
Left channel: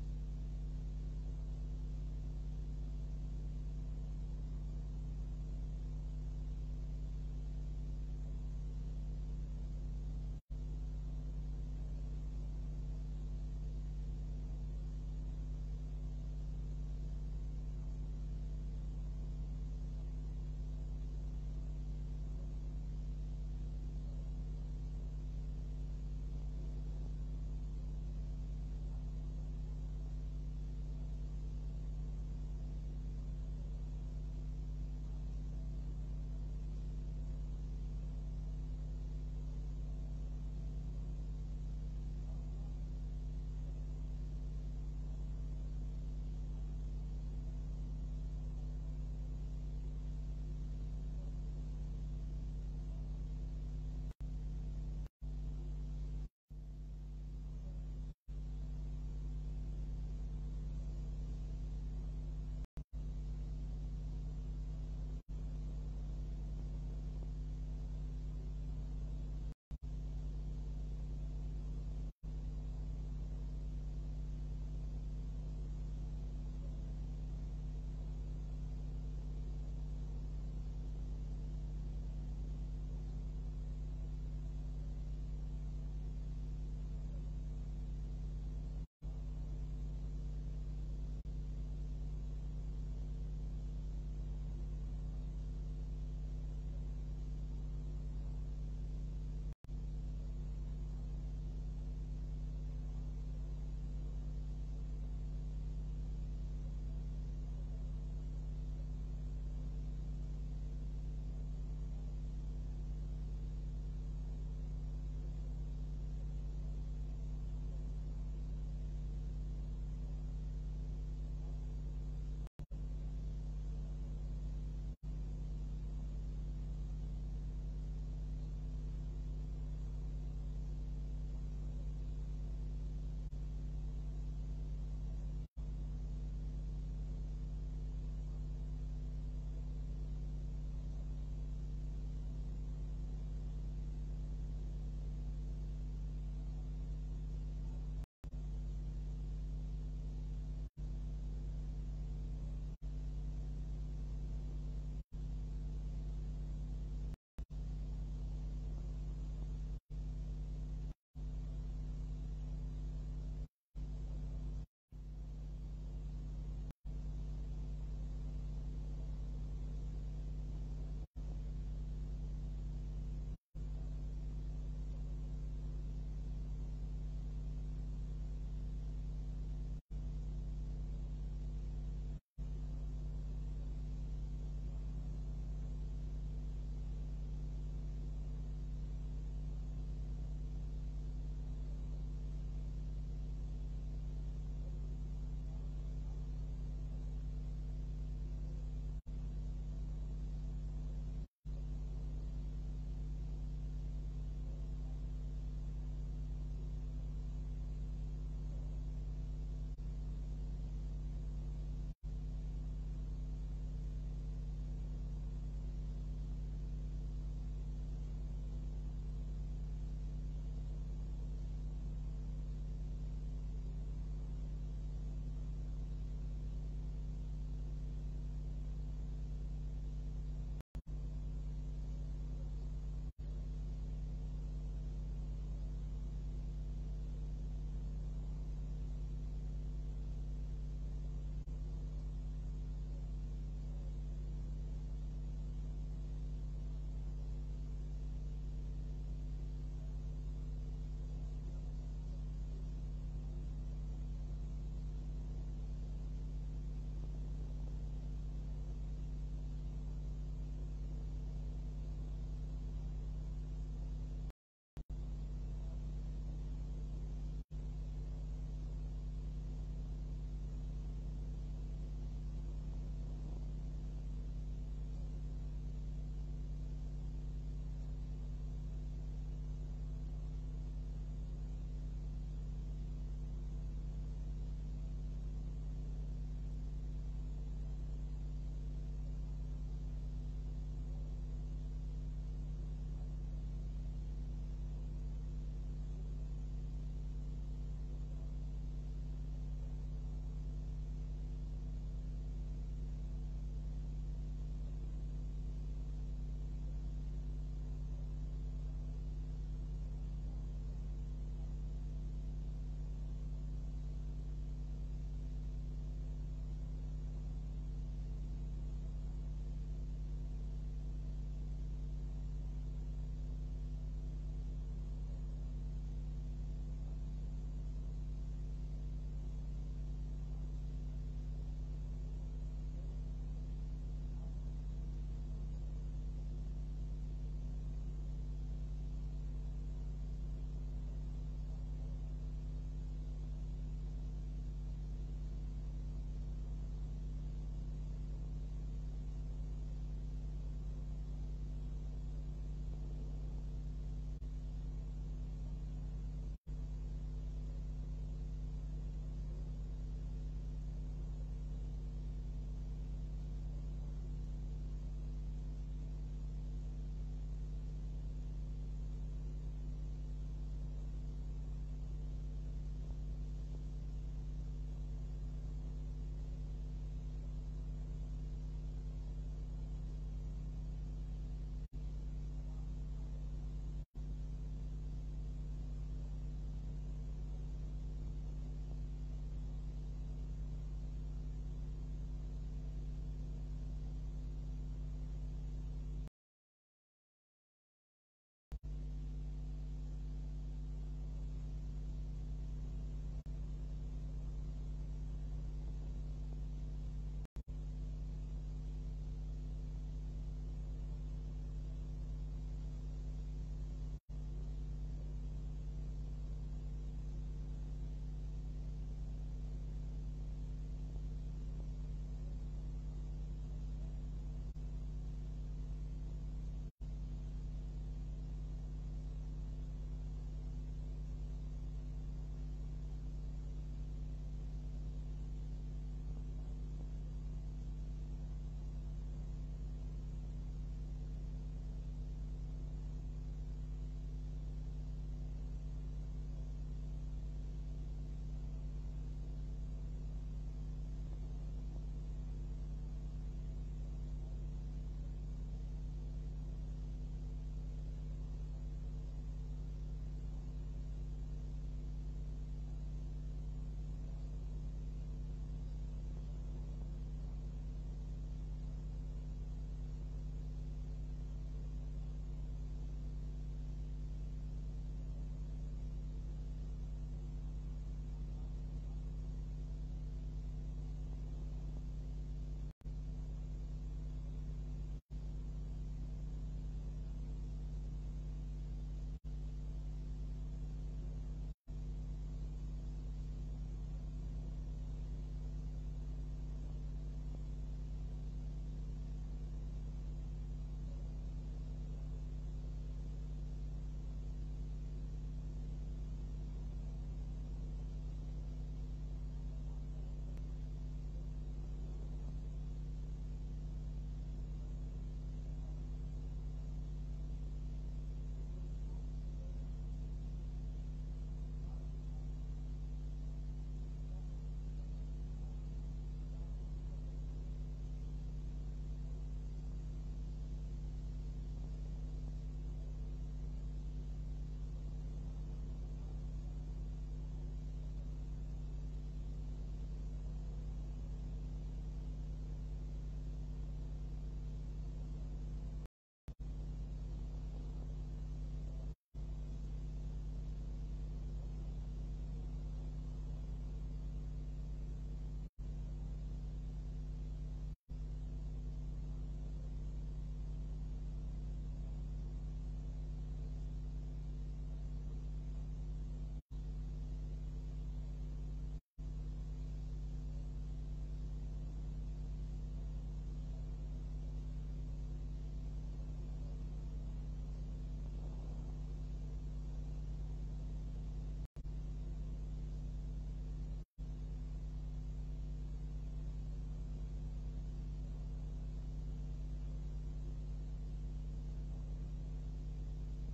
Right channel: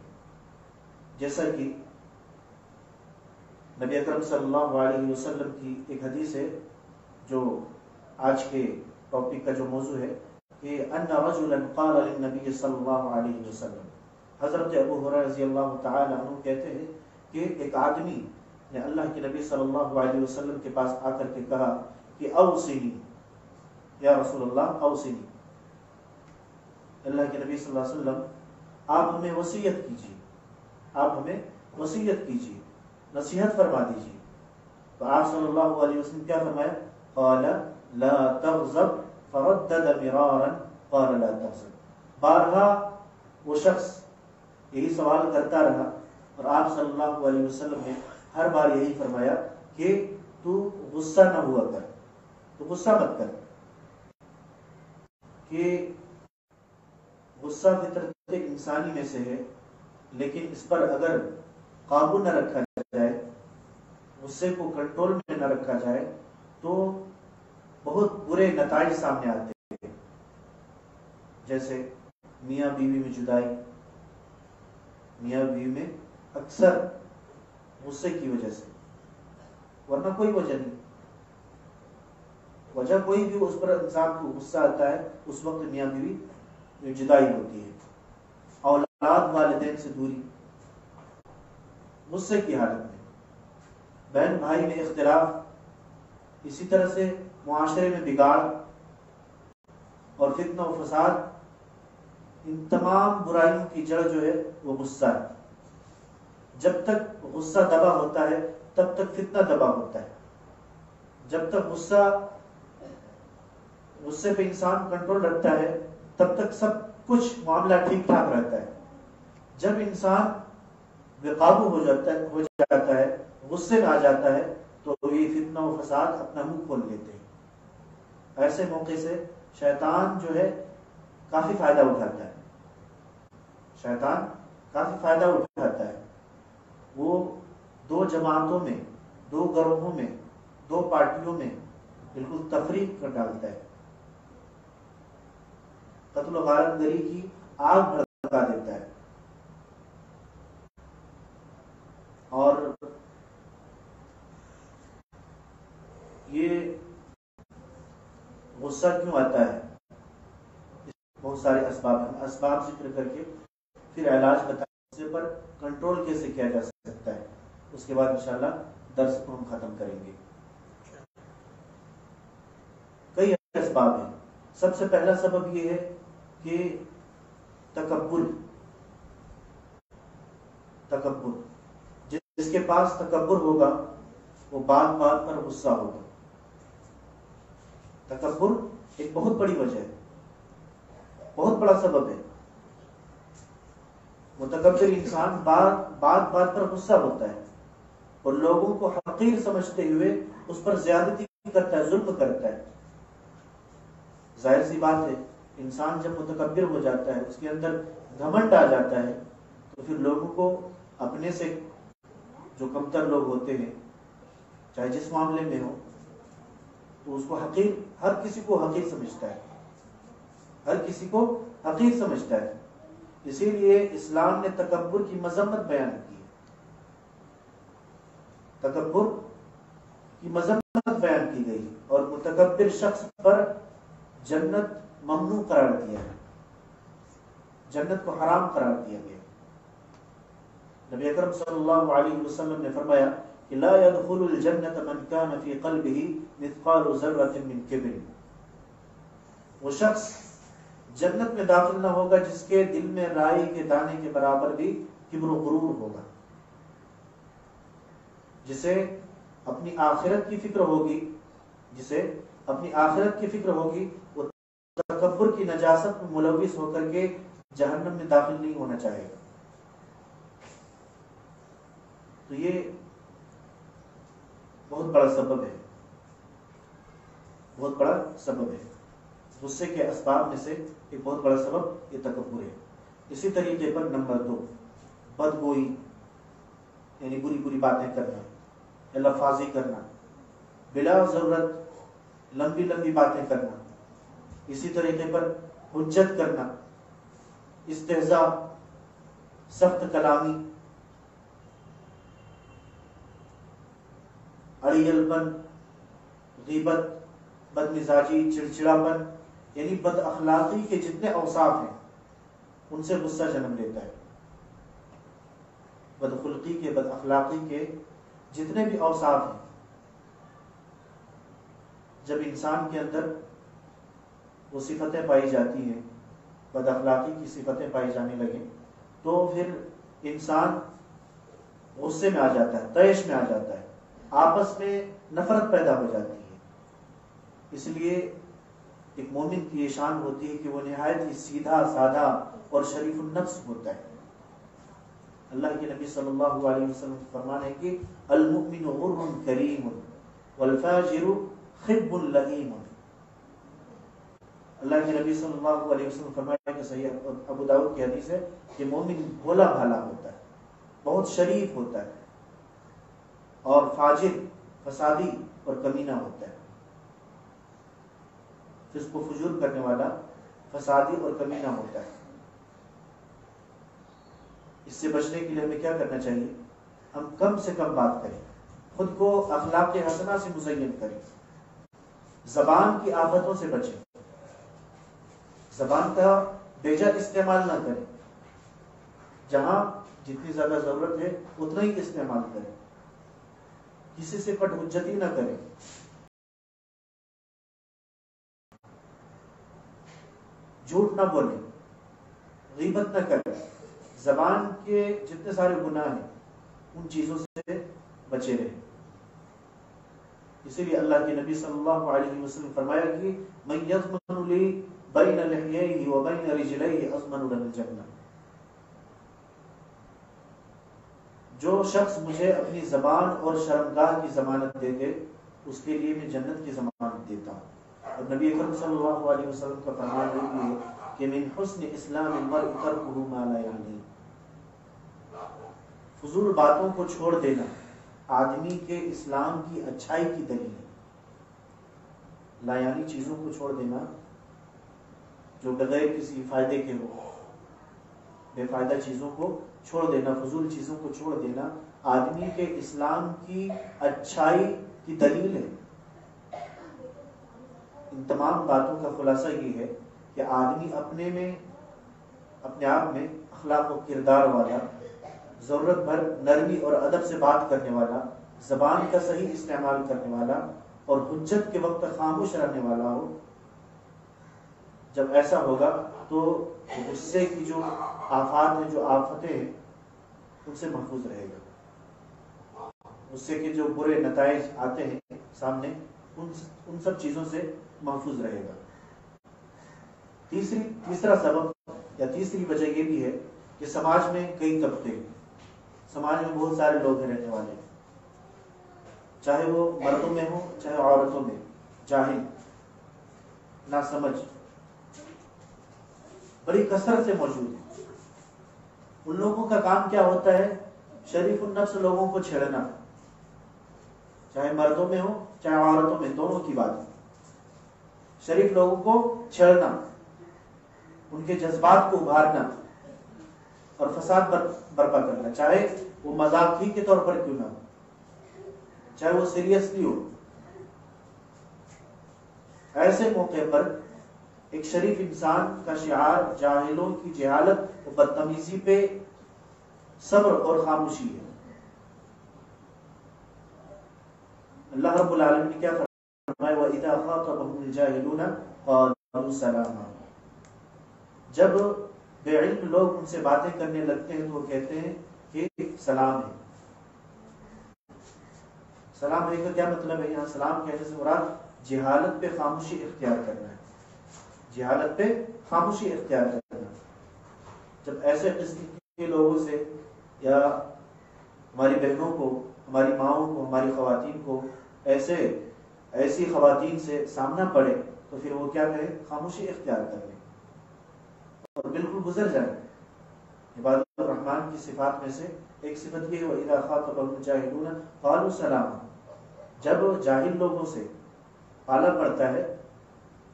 جیسا کہ نبی اکرم صلی اللہ علیہ وسلم کی ایک حدیث ہے جو آج کے ٹاپک کا جو موضوع ہے کہ ان رجلا قال للنبی صلی اللہ علیہ وسلم، حضرت ابو ہریرہ رضی اللہ تعالی عنہ کہتے ہیں کہ ایک آدمی نے اللہ کے نبی صلی اللہ علیہ وسلم کے پاس آ کر کے کہا کہ اوصنی یا رسول اللہ اوصنی، اللہ کے نبی صلی اللہ علیہ وسلم آپ ہمیں وصیت کیجیے، آپ ہمیں وصیت کیجیے، نصیحت فرما دیجیے۔ تو آپ صلی اللہ علیہ وسلم کیا فرمایا؟ قال لا تغضب فردد مرارا قال لا تغضب، بارہا وہ شخص یہی سوال کرتا رہا اور آپ صلی اللہ علیہ وسلم نے ہر بار یہی فرمایا کہ تو غصہ نہ ہوا کر، تو غصہ مت کر، کہ غصہ فطرت انسانی میں سے ہے، لیکن اس پر اگر قابو نہ رکھا جائے، غصے کو کنٹرول میں نہ رکھا جائے تو بہت برے نتائج سامنے آتے ہیں، جیسے میاں بیوی میں جدائی، میاں بیوی میں اکثر غصے کی وجہ سے، ورنہ کوئی وجہ نہیں، وجہ کوئی بھی اس پر انسان کو غصہ آتا ہے اس وقت میاں بیوی میں جدائی ہوتی ہے، اولاد والدین سے دوری، غصے کی حالت میں بہن بھائی میں اختلاف، اسی طرح سے معاشرے میں بگاڑ اور فتنہ و فساد، ان تمام برائیوں کی جڑ جو ہے وہ غصہ ہے۔ جب تک غصہ دبا ہوتا ہے تب تک فتنہ دبا ہوتا ہے، جب تک غصے پہ انسان کنٹرول رکھتا ہے تب تک سب کچھ معاملہ ٹھیک ٹھاک رہتا ہے، جب انسان بے قابو ہو جاتا ہے، غصے میں آ جاتا ہے تو یہ فتنہ و فساد اپنا منہ کھول لیتے ہیں۔ ایسے موقع سے شیطان جو ہے کافی فائدہ اٹھاتا ہے، شیطان کافی فائدہ اٹھاتا ہے، وہ دو جماعتوں میں، دو گروہوں میں، دو پارٹیوں میں بالکل تفریق کر ڈالتا ہے، قتل و غارت گری کی آگ بھڑکا دیتا ہے، اور غصہ کیوں آتا ہے؟ بہت سارے اسباب ہیں، اسباب ذکر کر کے پھر علاج بتائیں غصے پر کنٹرول کیسے کیا جا سکتا ہے، اس کے بعد انشاءاللہ درس کو ہم ختم کریں گے۔ کئی اسباب ہیں۔ سب سے پہلا سبب یہ ہے کہ تکبر جس کے پاس تکبر ہوگا وہ بات بات پر غصہ ہوگا۔ تکبر ایک بہت بڑی وجہ ہے، بہت بڑا سبب ہے۔ متکبر انسان بات پر غصہ ہوتا ہے اور لوگوں کو حقیر سمجھتے ہوئے اس پر زیادتی کرتا ہے، ظلم کرتا ہے۔ ظاہر سی بات ہے، انسان جب متکبر ہو جاتا ہے، اس کے اندر گھمنڈ آ جاتا ہے، تو پھر لوگوں کو اپنے سے جو کمتر لوگ ہوتے ہیں، چاہے جس معاملے میں ہو، تو اس کو حقیر، ہر کسی کو حقیر سمجھتا ہے، ہر کسی کو حقیر سمجھتا ہے۔ اسی لیے اسلام نے تکبر کی مذمت بیان کی ہے، تکبر کی مذمت بیان کی گئی اور متکبر شخص پر جنت ممنوع قرار دیا ہے، جنت کو حرام قرار دیا گیا۔ نبی اکرم صلی اللہ علیہ وسلم نے فرمایا کہ لا يدخل الجنت من كان في قلبه مثقال ذرة من كبر، وہ شخص جنت میں داخل نہ ہوگا جس کے دل میں رائی کے دانے کے برابر بھی کبر و غرور ہوگا، جسے اپنی آخرت کی فکر ہوگی، جسے اپنی آخرت کی فکر ہوگی، وہ تکبر کی نجاست میں ملوث ہو کر کے جہنم میں داخل نہیں ہونا چاہے گا۔ تو یہ بہت بڑا سبب ہے، بہت بڑا سبب ہے۔ غصے کے اسباب میں سے ایک بہت بڑا سبب یہ تکبر ہے۔ اسی طریقے پر نمبر 2، بدگوئی، یعنی بری بری باتیں کرنا، لفاظی کرنا، بلا ضرورت لمبی لمبی باتیں کرنا۔ اسی طریقے پر حجت کرنا، استہزاء، سخت کلامی، اڑیل پن، غیبت، بد مزاجی، چڑچڑاپن، یعنی بد اخلاقی کے جتنے اوصاف ہیں ان سے غصہ جنم لیتا ہے۔ بد خلقی کے، بد اخلاقی کے جتنے بھی اوصاف ہیں، جب انسان کے اندر وہ صفتیں پائی جاتی ہیں، بد اخلاقی کی صفتیں پائی جانے لگیں، تو پھر انسان غصے میں آ جاتا ہے، طیش میں آ جاتا ہے، آپس میں نفرت پیدا ہو جاتی ہے۔ اس لیے ایک مومن کی یہ شان ہوتی ہے کہ وہ نہایت ہی سیدھا سادہ اور شریف النفس ہوتا ہے۔ اللہ کے نبی صلی اللہ علیہ وسلم فرمان ہے کہ المؤمن غر کریم والفاجر خب لئیم۔ اللہ کے نبی صلی اللہ علیہ وسلم فرمایا کہ صحیح ابو داؤد کی حدیث ہے کہ مومن بھولا بھالا ہوتا ہے، بہت شریف ہوتا ہے، اور فاجر فسادی اور کمینہ ہوتا ہے۔ جس کو فجور کرنے والا فسادی اور کمینہ ہوتا ہے۔ اس سے بچنے کے لیے ہمیں کیا کرنا چاہیے؟ ہم کم سے کم بات کریں، خود کو اخلاق حسنہ سے مزین کریں، زبان کی آفتوں سے بچیں، زبان کا بیجا استعمال نہ کریں، جہاں جتنی زیادہ ضرورت ہے اتنا ہی استعمال کریں، کسی سے کٹ حجتی نہ کریں، جھوٹ نہ بولیں، غیبت نہ کریں، زبان کے جتنے سارے گناہ ہیں ان چیزوں سے بچے رہیں۔ اسی لیے اللہ کے نبی صلی اللہ علیہ وسلم فرمایا کہ من یضمن لی بین لحییہ و بین رجلیہ اضمن له الجنہ، جو شخص مجھے اپنی زبان اور شرمگاہ کی ضمانت دے دے اس کے لیے میں جنت کی ضمانت دیتا ہوں۔ اور نبی اکرم صلی اللہ علیہ وسلم کا فرمان ہے کہ من حسن اسلام المرء ترکہ ما لا یعنی، فضول باتوں کو چھوڑ دینا آدمی کے اسلام کی اچھائی کی دلیل ہے۔ لا یعنی چیزوں کو چھوڑ دینا جو بغیر کسی فائدے کے ہو، بے فائدہ چیزوں کو چھوڑ دینا، فضول چیزوں کو چھوڑ دینا آدمی کے اسلام کی اچھائی کی دلیل ہے۔ ان تمام باتوں کا خلاصہ یہ ہے کہ آدمی اپنے آپ میں اخلاق و کردار والا، ضرورت بھر نرمی اور ادب سے بات کرنے والا، زبان کا صحیح استعمال کرنے والا اور حجت کے وقت خاموش رہنے والا ہو. جب ایسا ہوگا تو غصے کی جو آفات ہیں، جو آفتیں ہیں، ان سے محفوظ رہے گا. غصے کے جو برے نتائج آتے ہیں سامنے، ان سب چیزوں سے محفوظ رہے گا. تیسرا سبب یا تیسری وجہ یہ بھی ہے کہ سماج میں کئی طبقے، سماج میں بہت سارے لوگ رہنے والے، چاہے وہ مردوں میں ہوں چاہے عورتوں میں، جاہل، ناسمجھ، بڑی کثرت سے موجود ہیں. ان لوگوں کا کام کیا ہوتا ہے؟ شریف النفس لوگوں کو چھیڑنا، چاہے مردوں میں ہو چاہے عورتوں میں، دونوں کی بات. شریف لوگوں کو چھیڑنا، ان کے جذبات کو ابھارنا اور فساد برپا کرنا، چاہے وہ مذاق ہی کے طور پر کیوں نہ ہو، چاہے وہ سیریسلی ہو. ایسے موقع پر ایک شریف انسان کا شعار جاہلوں کی جہالت و بدتمیزی پہ صبر اور خاموشی ہے. اللہ رب العالمین نے کیا فرمایا؟ وَإِذَا خَاطَبَهُمُ الْجَاهِلُونَ قَالُوا سَلَامًا. جب بے علم لوگ ان سے باتیں کرنے لگتے ہیں تو وہ کہتے ہیں کہ سلام ہے. سلام ہے کا کیا مطلب ہے؟ یہاں سلام کہنے سے مراد جہالت پہ خاموشی اختیار کرنا ہے. جہالت پہ خاموشی اختیار کرنا. جب ایسے قسم کے لوگوں سے یا ہماری بہنوں کو، ہماری ماؤں کو، ہماری خواتین کو ایسی خواتین سے سامنا پڑے تو پھر وہ کیا کریں؟ خاموشی اختیار کریں اور بالکل گزر جائیں. عباد الرحمن کی صفات میں سے ایک صفت یہ ہے وَإِذَا خَاطَبَهُمُ الْجَاهِلُونَ قَالُوا سَلَامًا. جب جاہل لوگوں سے پالا پڑتا ہے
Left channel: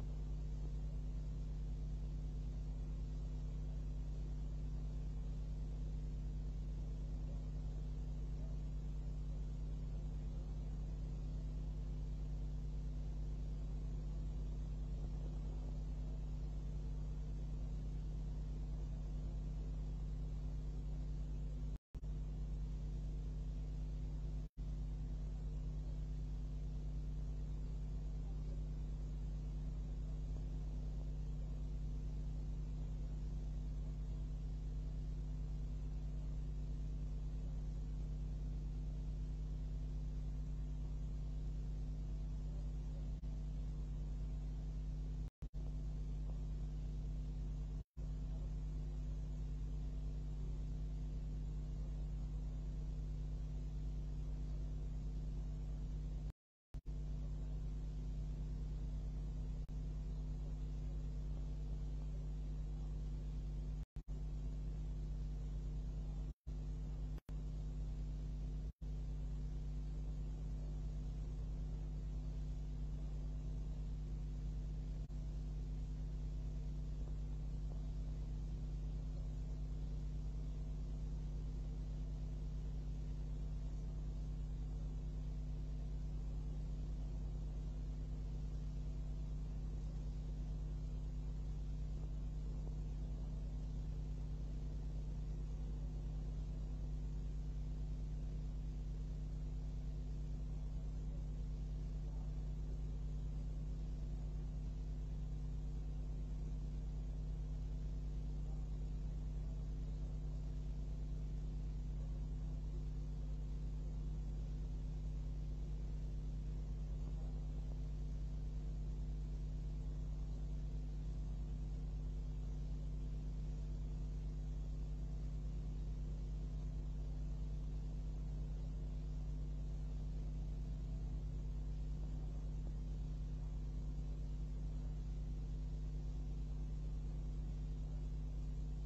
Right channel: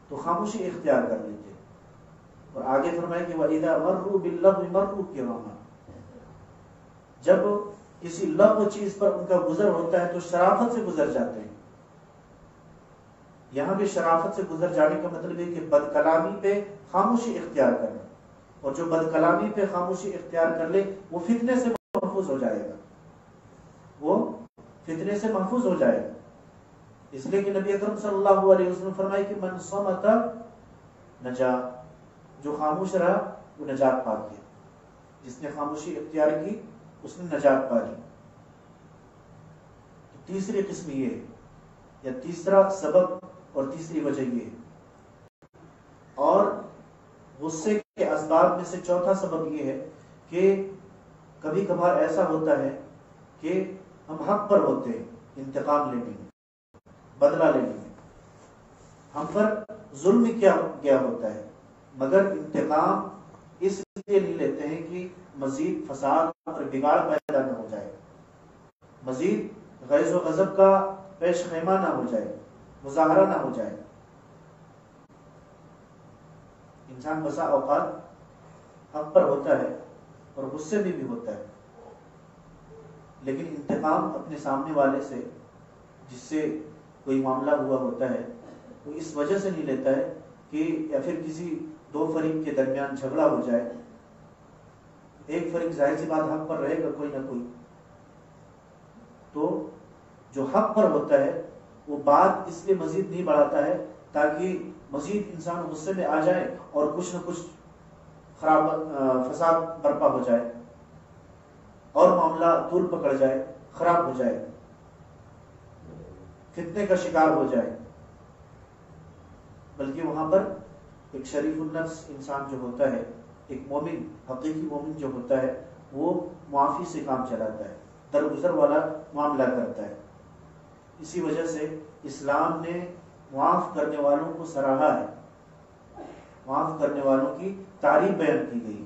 تو خاموشی اختیار کر لیتے ہیں. اور آگے فرمائے کہ وَإِذَا مَرُّوا بِاللَّغْوِ مَرُّوا كِرَامًا. جب کسی لغو چیز پر ان کا گزر ہوتا ہے تو شرافت سے گزر جاتے ہیں. یہاں بھی شرافت سے گزر جانے کا مطلب ہے کہ بد کلامی پہ خاموشی اختیار کرنا، اور جو بد کلامی پہ خاموشی اختیار کر لے وہ فتنے سے محفوظ ہو جائے گا. وہ فتنے سے محفوظ ہو جائے گا. اس لیے کہ نبی اکرم صلی اللہ علیہ وسلم فرمائے کہ من صمت نجا. جو خاموش رہا وہ نجات پا گیا. جس نے خاموشی اختیار کی اس نے نجات پا لی. تیسری قسم یہ ہے یا تیسرا سبب اور تیسری وجہ یہ ہے. اور غصے کے اسباب میں سے چوتھا سبب یہ ہے کہ کبھی کبھار ایسا ہوتا ہے کہ ہم حق پر ہوتے ہیں انتقام لینے میں، بدلہ لینے میں. ہم پر ظلم کیا گیا ہوتا ہے، مگر انتقام اس لیے نہیں لیتے ہیں کہ مزید فساد اور بگاڑ پیدا نہ ہو جائے، مزید غیظ و غضب کا پیش خیمہ نہ ہو جائے، مظاہرہ نہ ہو جائے. انسان بسا اوقات حق پر ہوتا ہے اور غصے میں بھی ہوتا ہے، لیکن انتقام اپنے سامنے والے سے جس سے کوئی معاملہ ہوا ہوتا ہے وہ اس وجہ سے نہیں لیتا ہے کہ یا پھر کسی دو فریق کے درمیان جھگڑا ہو جائے. ایک فریق ظاہر سی بات حق پر رہے گا کوئی نہ کوئی، تو جو حق پر ہوتا ہے وہ بات اس لیے مزید نہیں بڑھاتا ہے تاکہ مزید انسان غصے میں آ جائے اور کچھ نہ کچھ خراب فساد برپا ہو جائے اور معاملہ طول پکڑ جائے، خراب ہو جائے، فتنے کا شکار ہو جائے. بلکہ وہاں پر ایک شریف النفس انسان جو ہوتا ہے، ایک مومن، حقیقی مومن جو ہوتا ہے، وہ معافی سے کام چلاتا ہے، درگزر والا معاملہ کرتا ہے. اسی وجہ سے اسلام نے معاف کرنے والوں کو سراہا ہے، معاف کرنے والوں کی تعریف بیان کی گئی.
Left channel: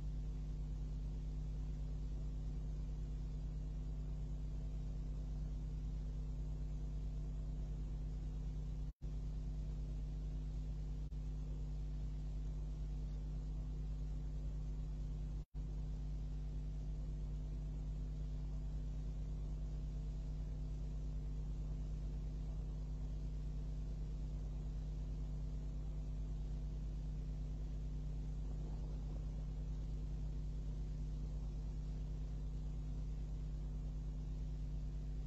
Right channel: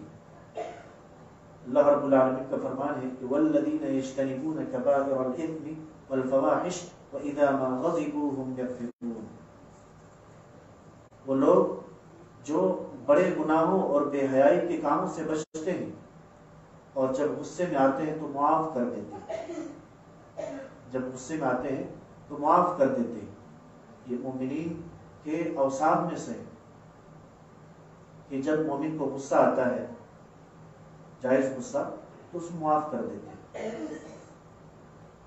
اللہ رب العالمین کا فرمان ہے کہ والذین یجتنبون کبائر الاثم والفواحش واذا ما غضبوا هم یغفرون. وہ لوگ جو بڑے گناہوں اور بے حیائی کے کاموں سے بچتے ہیں اور جب غصے میں آتے ہیں تو معاف کر دیتے ہیں. جب غصے میں آتے ہیں تو معاف کر دیتے ہیں. یہ مومنین کہ اوصاف میں سے کہ جب مومن کو غصہ آتا ہے، جائز غصہ، تو اس معاف کر دیتے ہیں،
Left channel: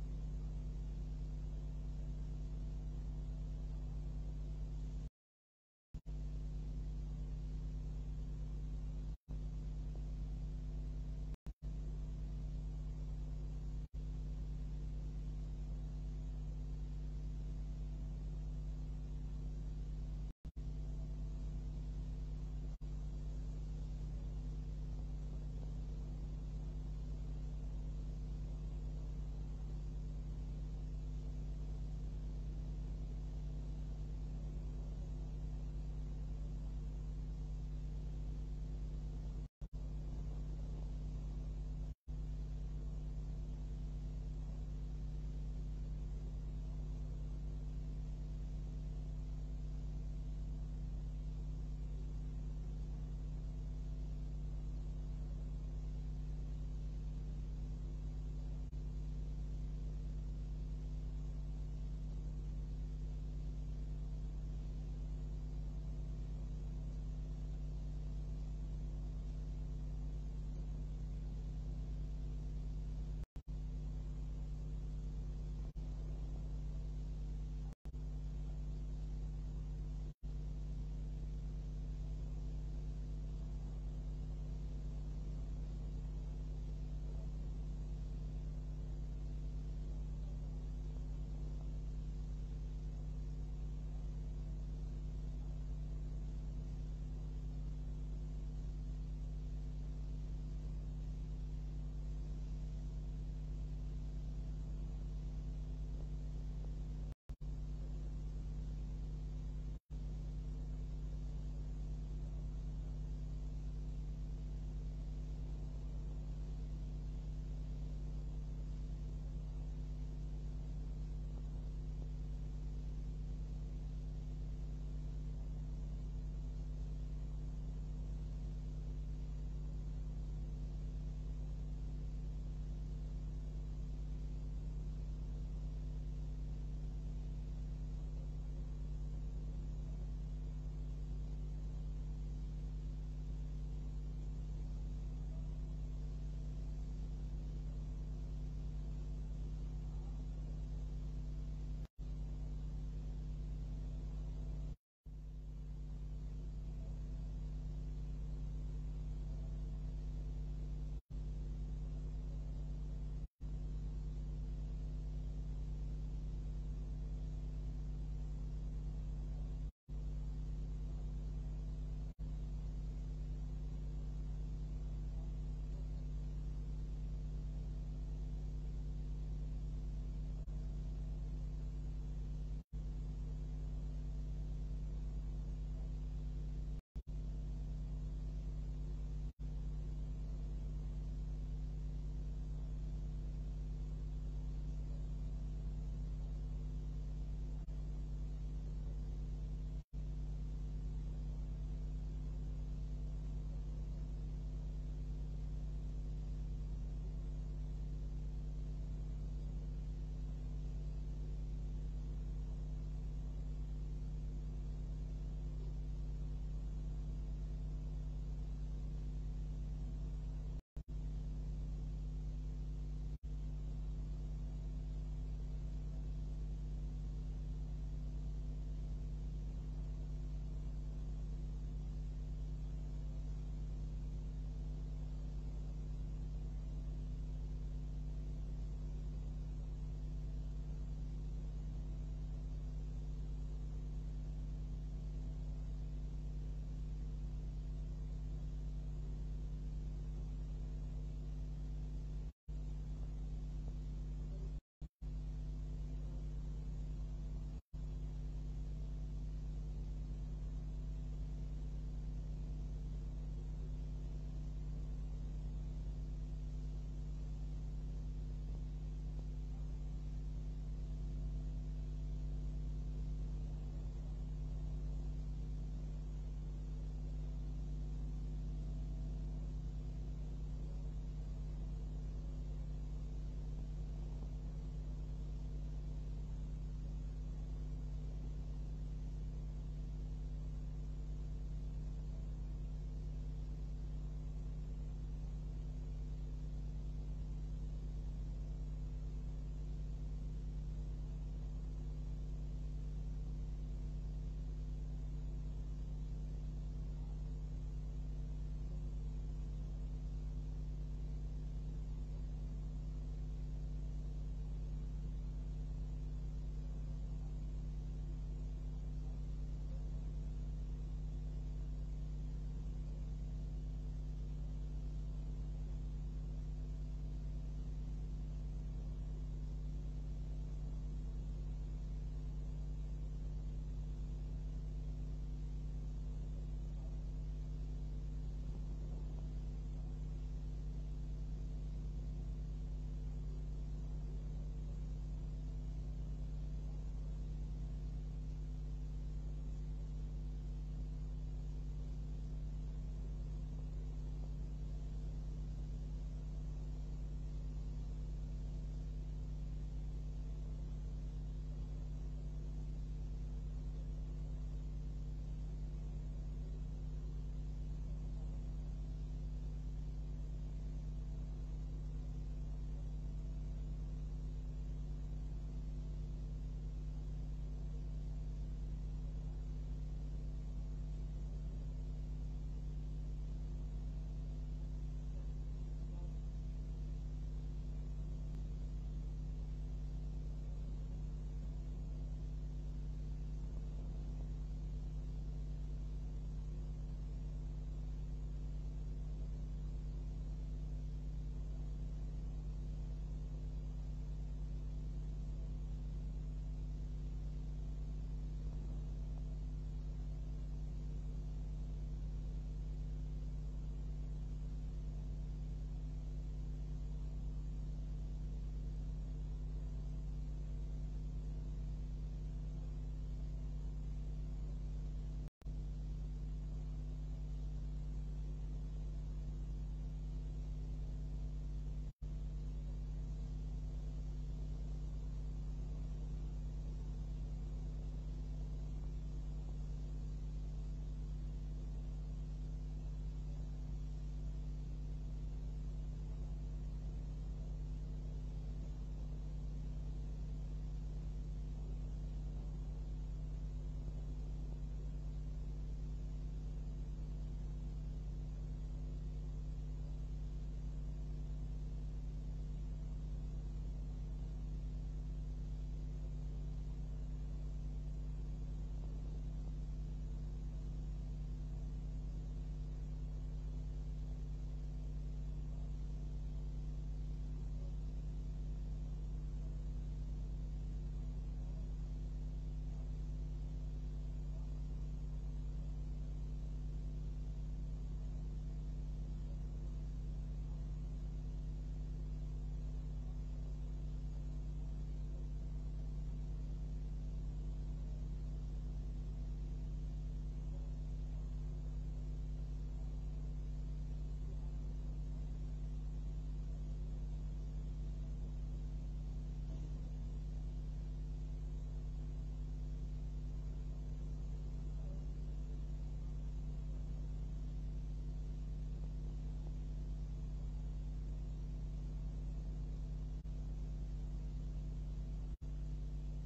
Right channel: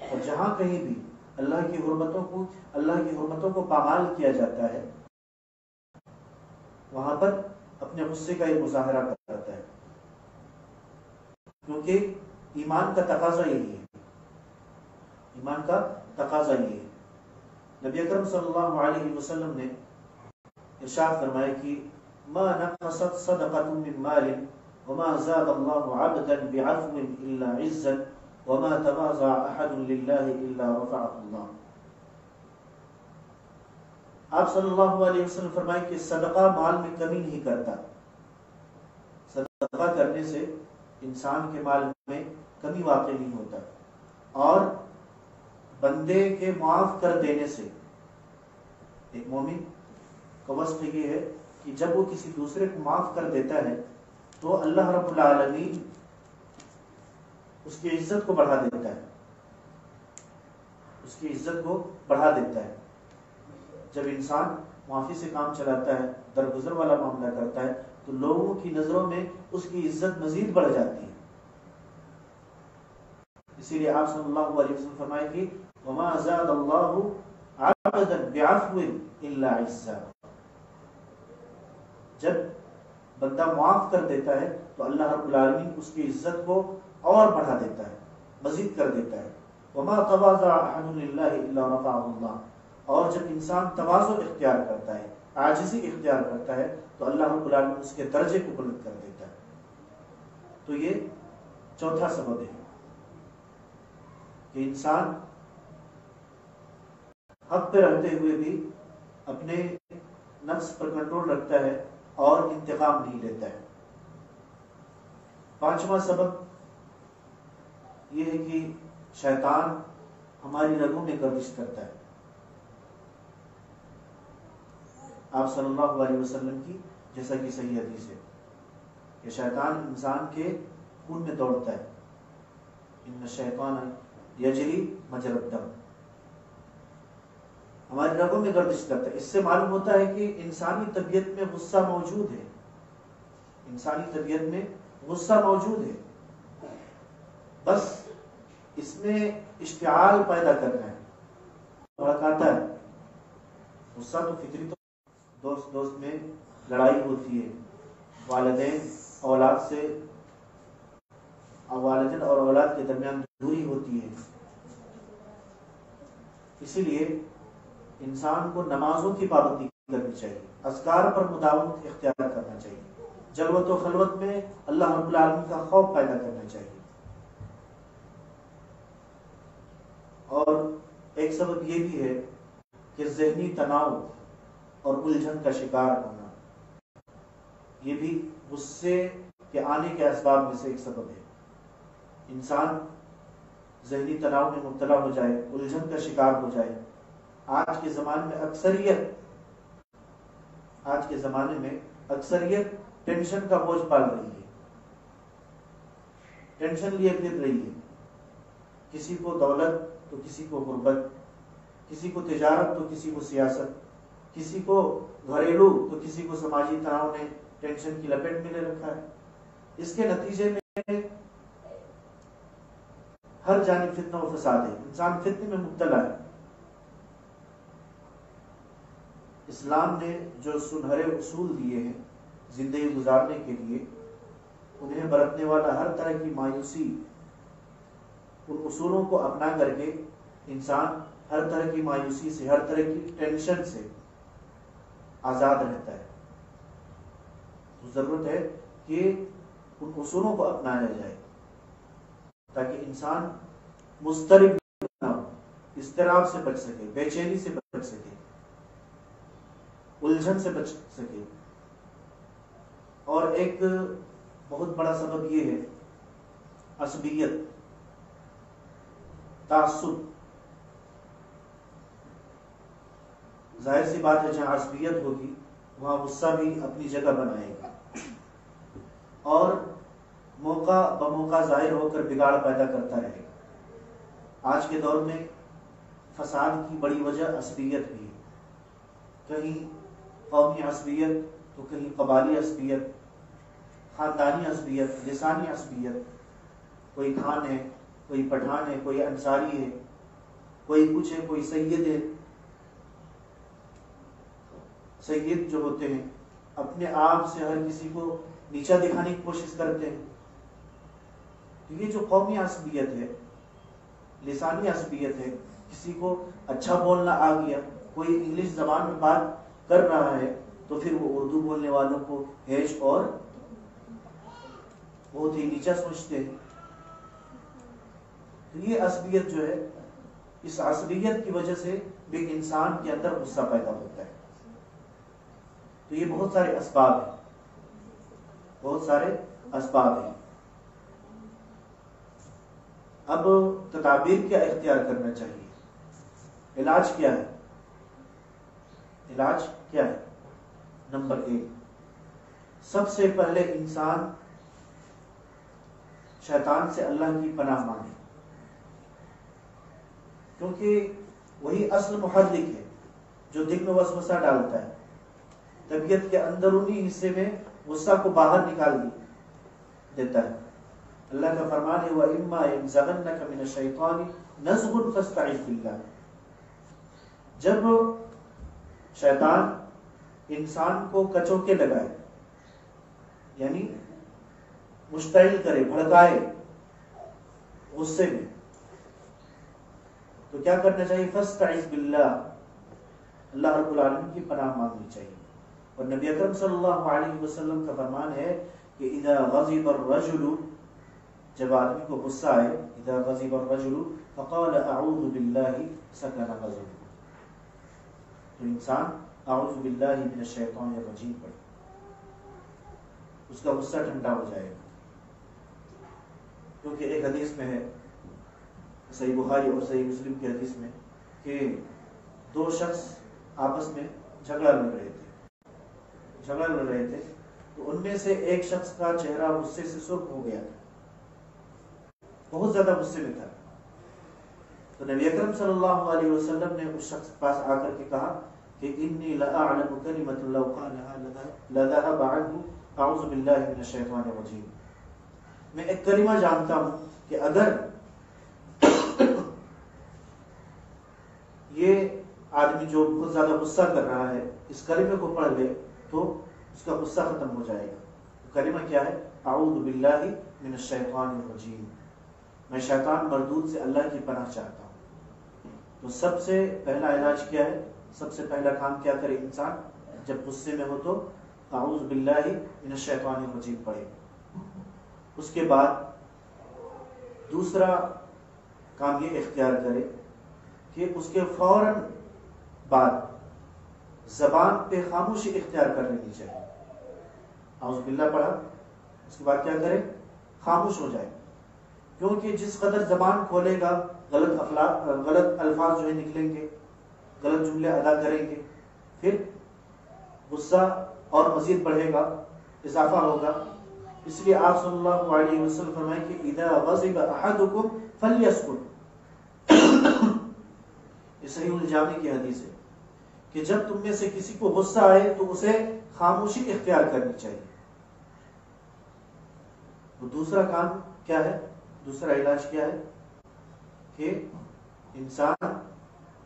اور جہاں کہیں بھی اللہ کی حرمتوں کو پامال کیا جاتا ہے وہاں پر اپنے غصے کا یہ مظاہرہ کرتا ہے، کیونکہ ایمان کا تقاضا یہی ہے، ایمان کا تقاضا یہی ہے۔ نبی اکرم صلی اللہ علیہ وسلم نے ارشاد فرمایا کہ ما نقصت صدقة من مال وما زاد الله عبدا بعفو الا عزا وما تواضع احد لله الا رفعه الله۔ آپ صلی اللہ علیہ وسلم فرمائے کہ صدقہ مال میں کمی نہیں کرتا، صدقہ کرنے سے انسان کے مال میں کمی واقع نہیں ہوتا، اور بندے کے معاف کر دینے سے، ایک مومن کا وصف یہ ہے کہ جب وہ کسی دوسرے کو معاف کر دیتا ہے تو اللہ رب العالمین اس کی عزت کو بڑھا دیتا ہے، اس کی عزت کو بڑھا دیتا ہے۔ جب انسان معافی سے کام چلاتا ہے، درگزر والا معاملہ کرتا ہے، تو لوگوں کی نظروں میں اس کی عزت مزید بڑھ جاتی ہے۔ اسی لیے آپ صلی اللہ علیہ وسلم فرمائے کہ وما زاد اللہ عبدا بعفو الا عزا، جب بندہ معاف کر دیتا ہے تو اللہ رب العالمین اس کی عزت کو اور بڑھا دیتا ہے، مزید کر دیتا ہے۔ وما تواضع احد للہ الا رفعه اللہ، اور جب انسان تواضع اختیار کرتا ہے، عاجزی اختیار کرتا ہے، تو اللہ رب العالمین اس کے درجے کو بلند کر دیتا ہے۔ تو یہ چوتھا سبب ہے کہ انسان حق پہ رہتے ہوئے بھی اپنے نفس پر کنٹرول رکھتا ہے اور انتقام نہیں لیتا ہے۔ پانچواں سبب یہ ہے کہ شیطان ہماری رگوں میں گردش کرتا ہے۔ آپ صلی اللہ علیہ وسلم کی جیسا کہ صحیح حدیث ہے کہ شیطان انسان کے خون میں دوڑتا ہے، ان الشیطان یجری مجری الدم، ہماری رگوں میں گردش کرتا ہے۔ اس سے معلوم ہوتا ہے کہ انسانی طبیعت میں غصہ موجود ہے، انسانی طبیعت میں غصہ موجود ہے، بس اس میں اشتعال پیدا کرنا ہے، بھڑکاتا ہے۔ غصہ تو فطری، تو دوست میں لڑائی ہوتی ہے، والدین اولاد سے، والدین اور اولاد کے درمیان دوری ہوتی ہے، اسی لیے انسان کو نمازوں کی پابندی کرنی چاہیے، اذکار پر مداومت اختیار کرنا چاہیے، جلوت و خلوت میں اللہ رب العالمین کا خوف پیدا کرنا چاہیے۔ اور ایک سبب یہ بھی ہے کہ ذہنی تناؤ اور الجھن کا شکار ہونا، یہ بھی غصے کے آنے کے اسباب میں سے ایک سبب ہے۔ انسان ذہنی تناؤ میں مبتلا ہو جائے، الجھن کا شکار ہو جائے۔ آج کے زمانے میں اکثریت ٹینشن کا بوجھ پال رہی ہے، ٹینشن لیے پھر رہی ہے، کسی کو دولت تو کسی کو غربت، کسی کو تجارت تو کسی کو سیاست، کسی کو گھریلو تو کسی کو سماجی تناؤ نے ٹینشن کی لپیٹ میں لے رکھا ہے۔ اس کے نتیجے میں ہر جانب فتنہ و فساد ہے، انسان فتنے میں مبتلا ہے۔ اسلام نے جو سنہرے اصول دیے ہیں زندگی گزارنے کے لیے، انہیں برتنے والا ہر طرح کی مایوسی، ان اصولوں کو اپنا کر کے انسان ہر طرح کی مایوسی سے، ہر طرح کی ٹینشن سے آزاد رہتا ہے۔ ضرورت ہے کہ ان اصولوں کو اپنایا جائے تاکہ انسان مضطرب نہ ہو، اضطراب سے بچ سکے، بے چینی سے بچ سکے، الجھن سے بچ سکے۔ اور ایک بہت بڑا سبب یہ ہے عصبیت، تعصب۔ ظاہر سی بات ہے جہاں عصبیت ہوگی وہاں غصہ بھی اپنی جگہ بنائے گا اور موقع بموقع ظاہر ہو کر بگاڑ پیدا کرتا رہے گا۔ آج کے دور میں فساد کی بڑی وجہ عصبیت بھی ہے۔ کہیں قومی عصبیت تو کہیں قبالی عصبیت، خاندانی عصبیت، لسانی عصبیت، کوئی خان ہے، کوئی پٹھان ہے، کوئی انصاری ہے، کوئی کچھ ہے، کوئی سید ہے. سید جو ہوتے ہیں اپنے آپ سے ہر کسی کو نیچا دکھانے کی کوشش کرتے ہیں. یہ جو قومی عصبیت ہے، لسانی عصبیت ہے، کسی کو اچھا بولنا آ گیا، کوئی انگلش زبان میں بات کر رہا ہے تو پھر وہ اردو بولنے والوں کو ہیش اور بہت ہی نیچا سمجھتے ہیں. تو یہ عصبیت جو ہے، اس عصبیت کی وجہ سے بھی انسان کے اندر غصہ پیدا ہوتا ہے. تو یہ بہت سارے اسباب ہیں، بہت سارے اسباب ہیں. اب تدابیر کیا اختیار کرنا چاہیے؟ علاج کیا ہے؟ علاج کیا ہے؟ نمبر 1، سب سے پہلے انسان شیطان سے اللہ کی پناہ مانگے، کیونکہ وہی اصل محرک ہے جو دل میں وسوسہ ڈالتا ہے، طبیعت کے اندرونی حصے میں غصہ کو باہر نکال دیتا ہے. اللہ کا فرمان ہے وَإِمَّا يَنزَغَنَّكَ مِنَ الشَّيْطَانِ نَزْغٌ فَاسْتَعِذْ بِاللَّهِ. جب شیطان انسان کو کچوکے لگائے، یعنی مشتعل کرے، بھڑکائے غصے میں، تو کیا کرنا چاہیے؟ فَاسْتَعِذْ بِاللَّهِ، اللہ رب العالمین کی پناہ مانگنی چاہیے. اور نبی اکرم صلی اللہ علیہ وسلم کا فرمان ہے کہ اذا غضب الرجل، جب آدمی کو غصہ آئے، اذا غضب الرجل فقال اعوذ باللہ سکن غضبه، تو انسان اعوذ باللہ من الشیطان الرجیم پڑھے، اس کا غصہ ٹھنڈا ہو جائے گا. کیونکہ ایک حدیث میں ہے، صحیح بخاری اور صحیح مسلم کی حدیث میں، کہ دو شخص آپس میں جھگڑا لڑ رہے تھے تو ان میں سے ایک شخص کا چہرہ غصے سے سرخ ہو گیا تھا، بہت زیادہ غصے میں تھا. تو نبی اکرم صلی اللہ علیہ وسلم نے اس شخص کے پاس آ کر کے کہا کہ انی لأعلم کلمۃ لو قالها لذهب عنه اعوذ باللہ من الشیطان الرجیم. میں ایک کلمہ جانتا ہوں کہ اگر یہ آدمی جو بہت زیادہ غصہ کر رہا ہے اس کلمے کو پڑھ لے تو اس کا غصہ ختم ہو جائے گا. کلمہ کیا ہے؟ اعوذ باللہ من الشیطان الرجیم، میں شیطان مردود سے اللہ کی پناہ چاہتا ہوں. تو سب سے پہلا علاج کیا ہے؟ سب سے پہلا کام کیا کرے انسان جب غصے میں ہو تو اعوذ باللہ من الشیطان الرجیم پڑھے. اس کے بعد دوسرا کام یہ اختیار کرے کہ اس کے فوراً بعد زبان پہ خاموشی اختیار کر لینی چاہیے. اعوذ باللہ پڑھا، اس کے بعد کیا کرے؟ خاموش ہو جائے. کیونکہ جس قدر زبان کھولے گا غلط الفاظ جو ہے نکلیں گے، غلط جملے ادا کریں گے، پھر غصہ اور مزید بڑھے گا، اضافہ ہوگا. اس لیے آپ صلی اللہ علیہ وسلم فرمائیں کہ اذا غضب احدکم فلیسکت، یہ صحیح الجامی کی حدیث ہے کہ جب تم میں سے کسی کو غصہ آئے تو اسے خاموشی اختیار کرنی چاہیے. تو دوسرا کام کیا ہے؟ دوسرا علاج کیا ہے کہ انسان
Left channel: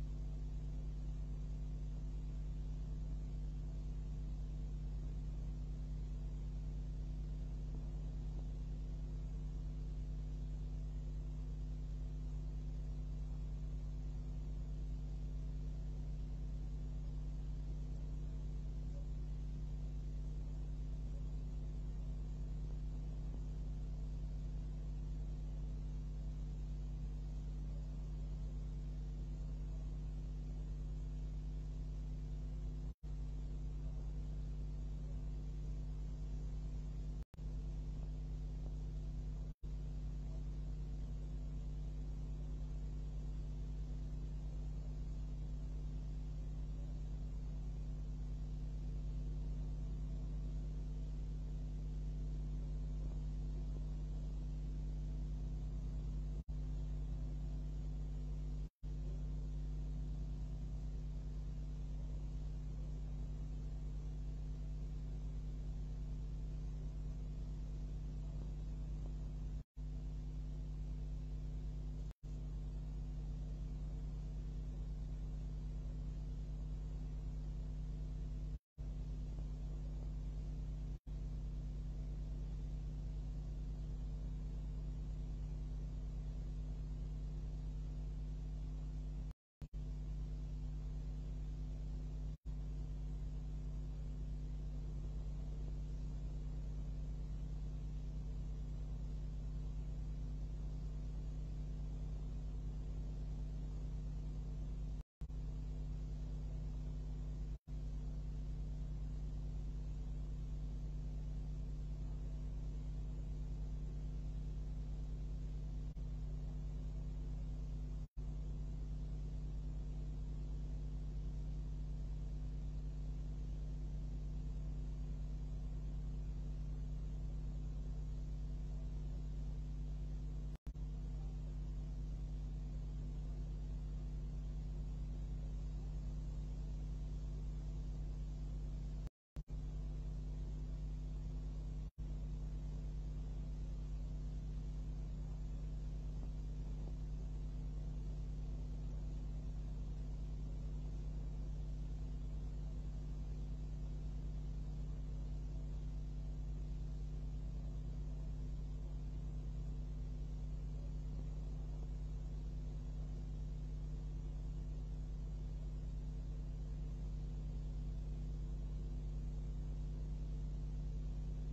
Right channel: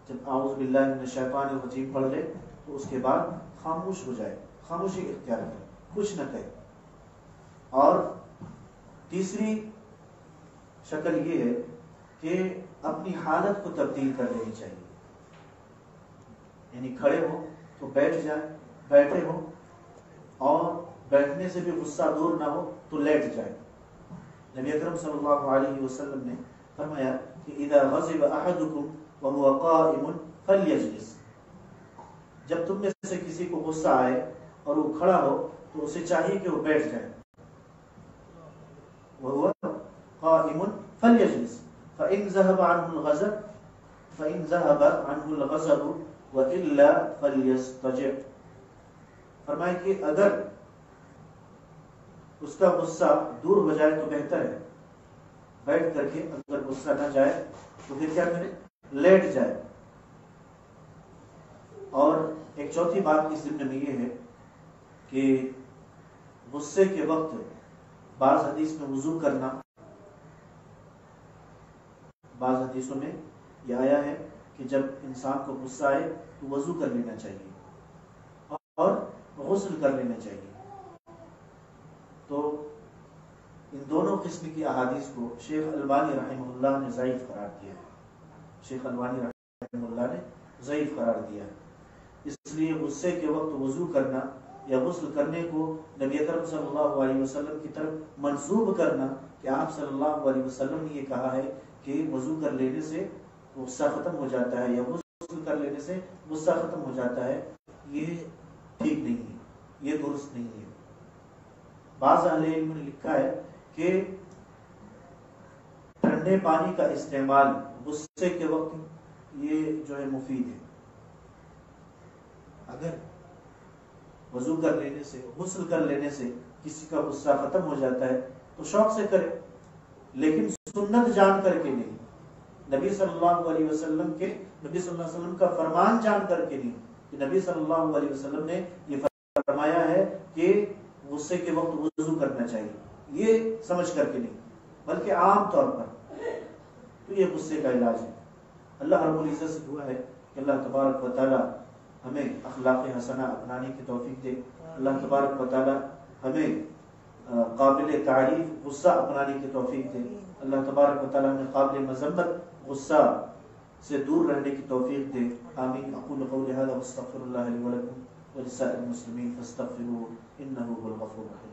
جب اعوذ باللہ من الشیطان الرجیم پڑھ لے تو اس کے بعد خاموش ہو جائے، خاموشی اختیار کرے، کچھ نہ کہے. اور تیسری شکل یہ ہے کہ اپنی حالت کو تبدیل کر لینی چاہیے. یعنی کھڑے ہو تو بیٹھ جائیں، بیٹھے ہو اور بیٹھنے سے بھی غصہ دور نہ ہو تو لیٹ جائیں. نبی اکرم صلی اللہ علیہ وسلم نے فرمایا کہ اذا غضب احدکم وهو قائم فلیجلس، جب تم میں سے کسی کو غصہ آئے اور وہ کھڑا ہو تو اسے چاہیے کہ وہ بیٹھ جائے. وهو قائم فلیجلس فإن ذهب عنه الغضب وإلا فليستجع. فرمائے کہ اگر اس کا غصہ دور ہو جائے تو بہتر ہے، بیٹھ کر کے. اگر غصہ نہ جائے تو پھر کیا کرے؟ لیٹ جائے. اور ایک چوتھی بات اس ضمن میں یہ ہے کہ غصے کے وقت بعض حدیث میں وضو کرنا، بعض حدیثوں میں یہ آیا ہے کہ جب انسان کو غصہ آئے تو وضو کر لینا چاہیے اور غسل کر لینا چاہیے۔ تو ان دونوں قسم کی احادیث کو شیخ البانی رحمہ اللہ نے ضعیف قرار دیا ہے، شیخ البانی رحمہ اللہ نے ضعیف قرار دیا ہے۔ اس لیے غصے کے وقت وضو کرنا یا غسل کرنے کو نبی اکرم صلی اللہ علیہ وسلم کی طرف منسوب کرنا کہ آپ صلی اللہ علیہ وسلم نے یہ کہا ہے کہ وضو کر لینے سے غصہ ختم ہو جاتا ہے یا غسل کر لینے سے غصہ ختم ہو جاتا ہے، یہ ٹھیک نہیں ہے، یہ درست نہیں ہے۔ بعض اہل علم نے لکھا ہے کہ ٹھنڈے پانی کا استعمال غصے کے وقت یہ جو ہے مفید ہے۔ اگر وضو کر لینے سے، غسل کر لینے سے کسی کا غصہ ختم ہو جاتا ہے تو شوق سے کرے، لیکن سنت جان کر کے نہیں، نبی صلی اللہ علیہ وسلم کا فرمان جان کر کے نہیں کہ نبی صلی اللہ علیہ وسلم نے یہ فرمایا ہے کہ غصے کے وقت وضو کرنا چاہیے، یہ سمجھ کر کے نہیں، بلکہ عام طور پر تو یہ غصے کا علاج ہے۔ اللہ رب العزت سے دعا ہے کہ اللہ تبارک و تعالی ہمیں اخلاق حسنہ اپنانے کی توفیق دے، اللہ تبارک و تعالی ہمیں قابل تعریف غصہ اپنانے کی توفیق دے، اللہ تبارک و تعالی ہمیں قابل مذمت غصہ سے دور رہنے کی توفیق دے۔ آمین۔ اقول قولی ھذا واستغفر اللہ لی ولکم ولسائر المسلمین فاستغفروہ انہ هو الغفور الرحیم۔